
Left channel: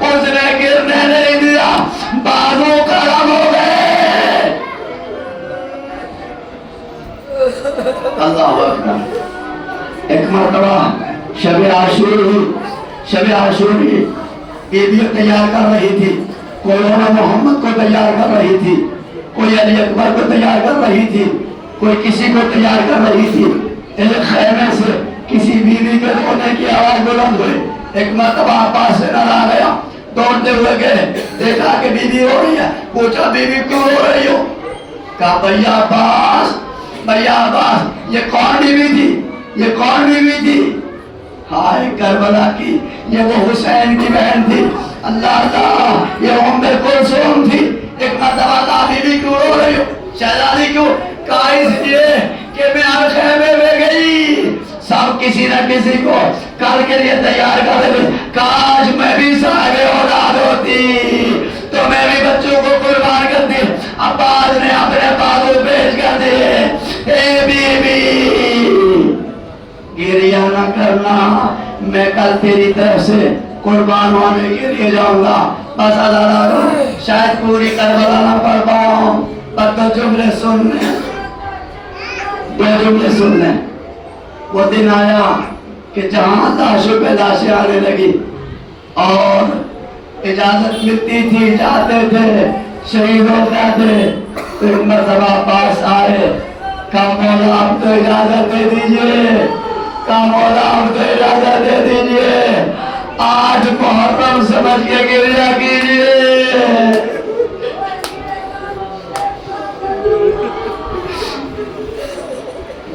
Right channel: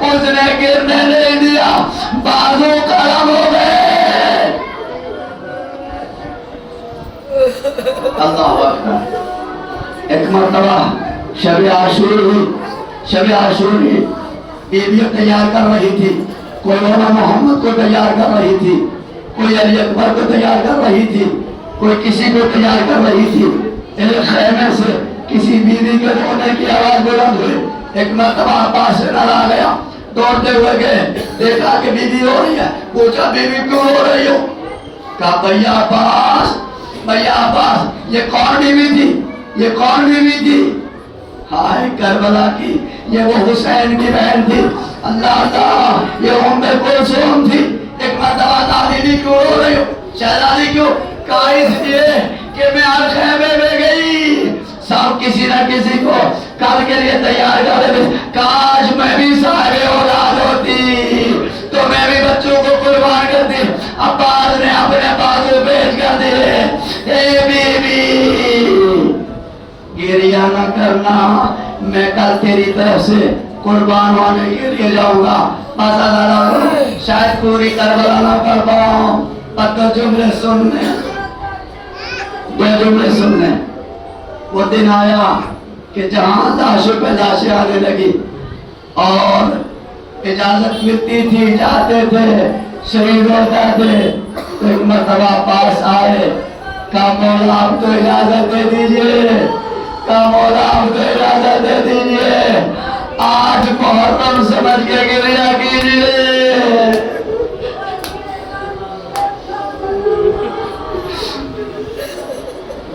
اس نے گرنے نہیں دیا. بازو کرم ہو گئے. اللہ اکبر. ایک مرتبہ شب عاشور ہوئی. بیوی تیار کر رہی تھی. کوئی مولا محمد کو تیار کر رہی تھی، کوئی علی اکبر کو تیار کر رہی تھی، کوئی کسی کو تیار کر رہی تھی۔ ایک خیمے سے کسی بیوی کے رونے کی آواز بلند ہوئی۔ ایک مرتبہ عباس سے نظر آ گیا، دوڑتے ہوئے گئے، دیکھا کہ بیوی ہو رہی ہے، پوچھا بیوی کیوں رو رہی ہو؟ کہا بھیا عباس، بھیا عباس، یہ کون بیوی تھی؟ یہ کون بیوی تھی؟ ہائے کربلا کی، یہ وہ حسین کی بہن تھی۔ اللہ اللہ، یہ ام کلثوم تھی۔ ایک مرتبہ کہا بیوی کیوں رو رہی ہو؟ شہزادی کیوں؟ کہا اس لیے کہ میں ہر خیمے میں گئی، سب کسی نہ کسی کو کل کے لیے تیار کر رہے تھے۔ کاش میں بھی صاحب اولاد ہوتی تو میں بھی بچوں کو قربان کرتی۔ عباس نے اپنے بازو پیش کر دیے۔ اے بی بی گریہ نہ کرنا، میں کل تیری طرف سے قربان ہونے کے لیے جاؤں گا۔ بس اللہ کرو، شاید پوری کربلا نہ پڑھ پاؤں، پر تو جملے سن لیں، یہ جملے سن لیں۔ وہ دن آیا کہ جہاں لاشوں پہ لاشیں آنے لگی اور اجازت ملتی تھی، جاتے تھے، شہید ہوتے تھے، تو ایک مرتبہ پاس آئے، کہا مولا آپ تو اجازت دے دیجئے، کہا مولا آپ تو اجازت دے دیجئے، آج محرم سمجھ کے گریہ کیجئے۔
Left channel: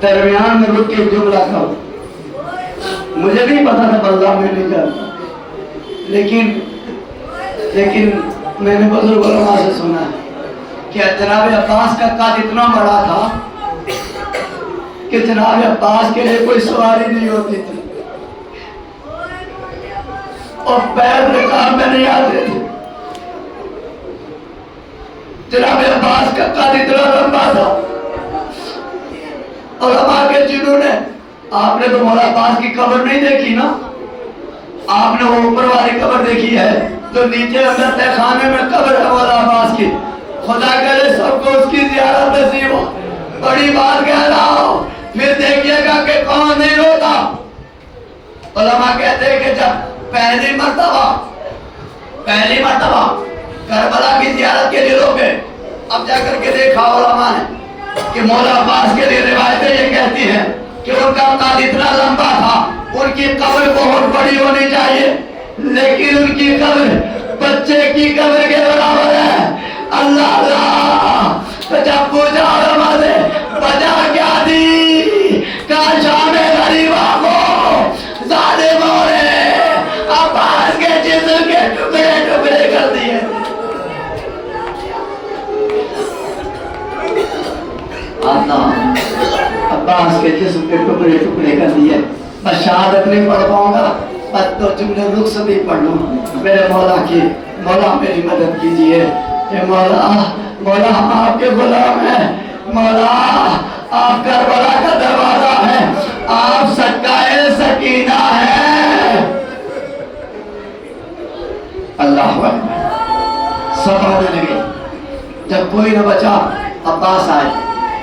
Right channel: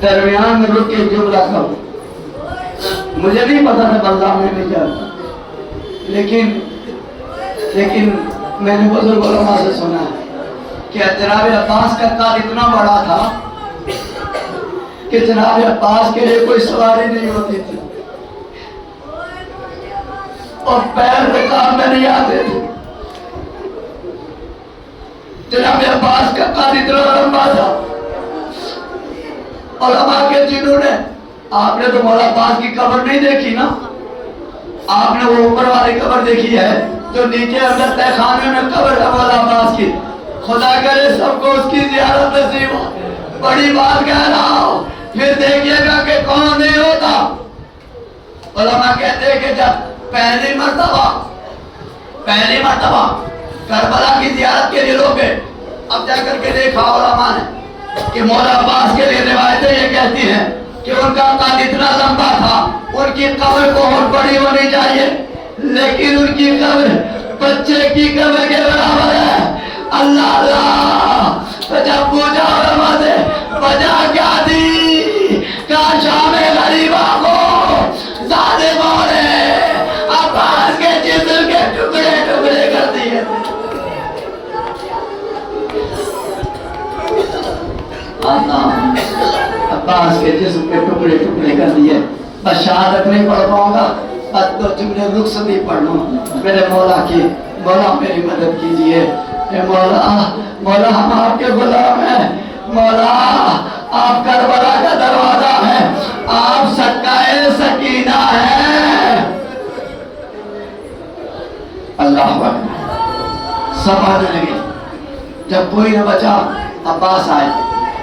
درمیان میں رک کے ایک جملہ کہو، مجھے نہیں پتا تھا بلدہ میں نہیں جاتا، لیکن میں نے بزرگ علماء سے سنا ہے کہ جناب عباس کا قد اتنا بڑا تھا کہ جناب عباس کے لیے کوئی سواری نہیں ہوتی تھی اور پیر رکاب میں نہیں آتے تھے۔ جناب عباس کا قد اتنا لمبا تھا، علماء کے جنہوں نے، آپ نے تو مولا عباس کی قبر نہیں دیکھی نا، آپ نے وہ اوپر والی قبر دیکھی ہے جو نیچے اندر تہ خانے میں قبر ہے مولا عباس کی۔ خدا کرے سب کو اس کی زیارت نصیب ہو۔ بڑی بات کہہ رہا ہوں، پھر دیکھیے گا کہ کون نہیں روتا۔ علماء کہتے ہیں کہ جب پہلی مرتبہ کربلا کی زیارت کے لیے روکے، اب جا کر کے دیکھا علماء نے کہ مولا عباس کے لیے روایتیں یہ کہتی ہیں کہ ان کا قد اتنا لمبا تھا، ان کی قبر بہت بڑی ہونی چاہیے، لیکن ان کی قبر بچے کی قبر کے برابر ہے۔ اللہ اللہ، جب پوچھا علماء سے وجہ کیا دی؟ کہا شام غریبہ کو ظالموں نے عباس کے جسم کے ٹکڑے ٹکڑے کر دیے۔ اللہ، عباس کے جسم کے ٹکڑے ٹکڑے کر دیے۔ بس شہادت نہیں پڑھ پاؤں گا، بس تو جملے رخصت بھی پڑھ لوں۔ میرے مولا کی، مولا میری مدد کیجئے۔ اے مولا، مولا ہم آپ کے غلام ہیں، مولا آپ کربلا کا دروازہ ہے، آپ سکائے سکینہ ہیں۔ اللہ اکبر، سب آنے لگے۔ جب کوئی نہ بچا، عباس آئے،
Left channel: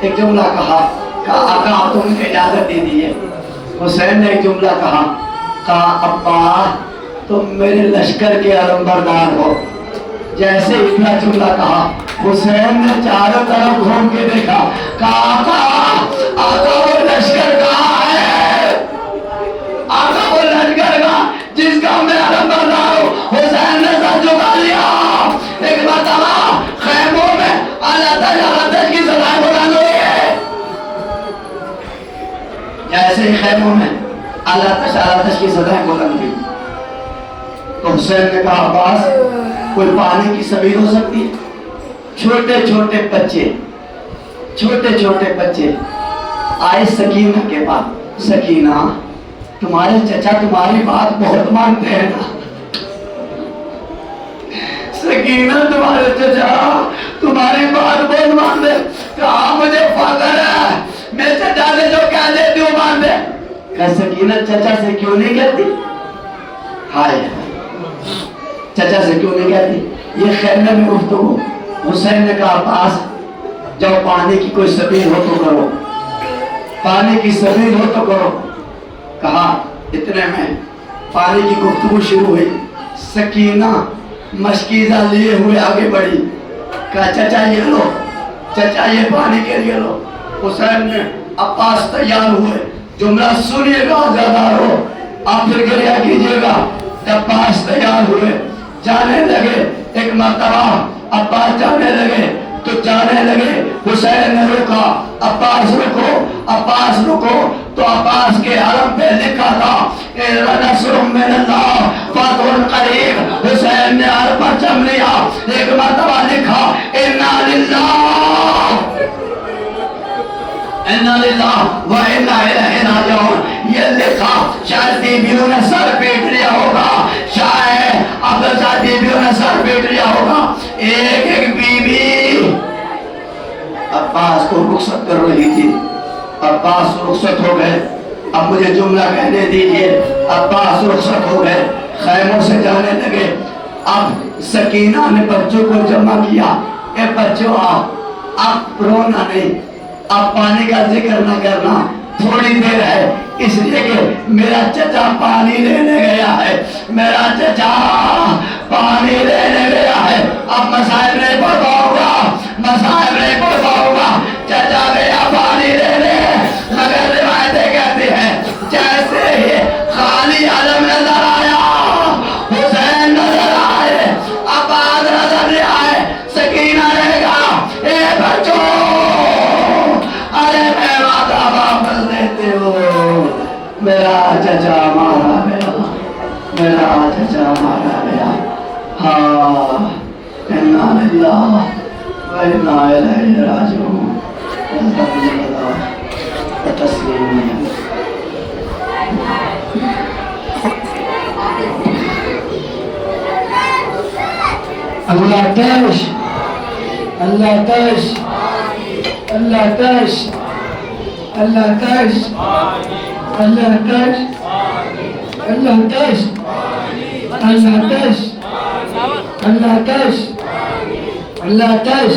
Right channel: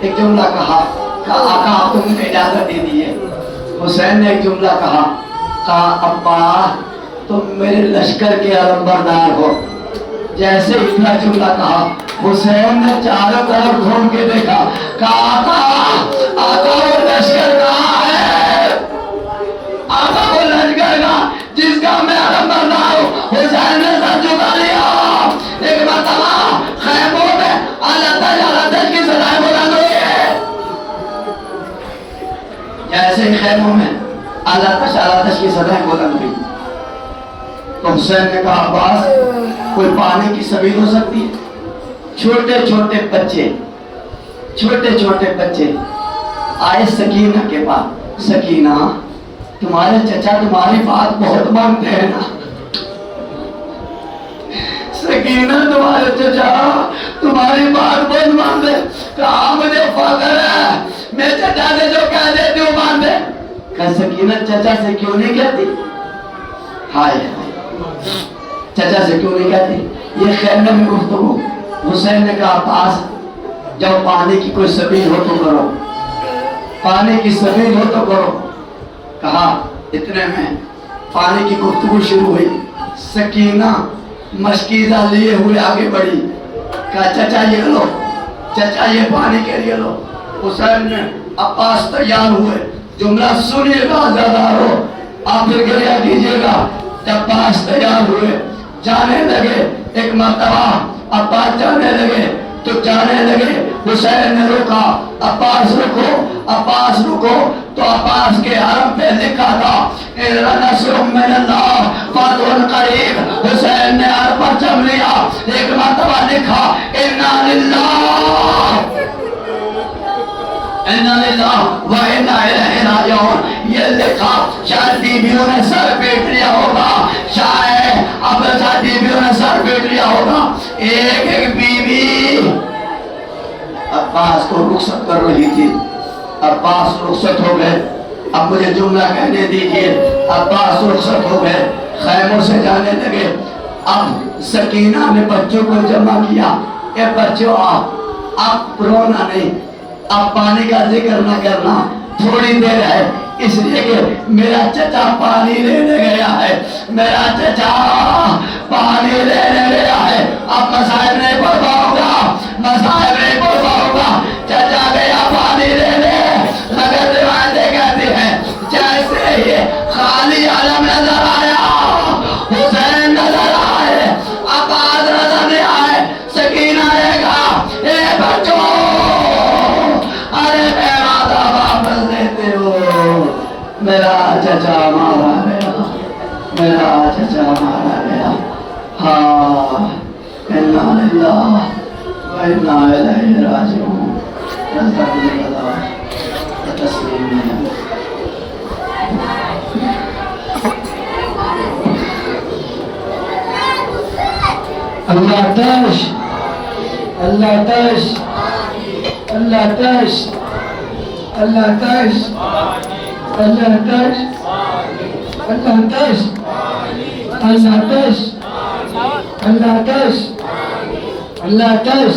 ایک جملہ کہا، آقا آپ کو مجھے اجازت دے دیئے۔ حسین نے ایک جملہ کہا ابا تم میرے لشکر کے علمبردار ہو۔ جیسے اتنا جملہ کہا، حسین نے چاروں طرف گھوم کے دیکھا، کہا آقا وہ لشکر کہاں ہے؟ آقا وہ لشکر کا جس کا میں علمبردار ہوں۔ حسین نے سر جھکا لیا۔ ایک مرتبہ خیموں میں اللہ کی صدائیں بلند ہوئی ہے۔ جیسے ہی خیموں میں اللہ کی صدائیں بلند ہوئی تو حسین نے کہا عباس کوئی پانی کی سبیل ہو سکتی ہے؟ چھوٹے چھوٹے بچے آئے سکینہ کے پاس، سکینہ تمہارے چچا تمہاری بات بہت مانتے ہیں نا؟ سکینہ تمہارے چچا تمہاری بات بہت مانتے، کہا مجھے فخر ہے میں چچا سے جو کہہ دیتی ہوں مان دے۔ کہا سکینہ چچا سے کیوں نہیں کہتی؟ ہائے چچا سے کیوں نہیں کہتی؟ یہ خیمے میں گفتگو۔ حسین نے کہا عباس جب پانی کی کوئی سبیل ہو تو کرو، پانی کی سبیل ہو تو کرو۔ کہا اتنے میں پانی کی گفتگو شروع ہوئی۔ سکینہ مشکیزہ لیے ہوئے آگے بڑھی، کہا چچا یہ لو، چچا یہ پانی کے لیے لو۔ حسین نے عباس تیار ہوئے، جملہ سنیے گا زیادہ ہو، آپ پھر گریہ کیجئے گا۔ جب عباس تیار ہوئے جانے لگے، ایک مرتبہ عباس جانے لگے تو جانے لگے، حسین نے رکا، عباس رکو، عباس رکو، تو عباس کے حرم پہ لکھا تھا نصر من اللہ فتح قریب۔ حسین نے حرم پر جم لیا، ایک مرتبہ لکھا انا للہ و انا الیہ راجعون، یہ لکھا شاید بیویوں نے سر پیٹ لیا ہوگا، شاید اب بیویوں نے سر پیٹ لیا ہوگا۔ ایک ایک بیوی عباس کو رخصت کر رہی تھی، عباس رخصت ہو گئے۔ اب مجھے جملہ کہنے دیجئے، عباس رخصت ہو گئے، خیموں سے جانے لگے۔ اب سکینہ نے بچوں کو جمع کیا، اے بچوں اب رونا نہیں، اب پانی کا ذکر نہ کرنا، تھوڑی دیر ہے، اس لیے کہ میرا چچا پانی لینے گیا ہے، میرا چچا پانی لینے گیا ہے۔ اب مسائل نہیں پڑھتا ہوگا، مسائل نہیں پڑھتا ہوگا، چچا گیا پانی لینے، مگر روایتیں کہتی ہیں جیسے ہی خالی علم نظر آیا، حسین نظر آئے، عباس نظر نہیں آئے، سکینہ نے کہا اے بچوں، ارے میں وعدہ واپس لیتے ہو، میرا چچا مارا گیا، میرا چچا مارا گیا۔ ہاں انا للہ و انا الیہ راجعون، تسلیم۔ اللہ تاش، اللہ تاش، اللہ تاش، اللہ تاش، اللہ تاش، اللہ تاش، اللہ تاش، اللہ تاش، اللہ تاش۔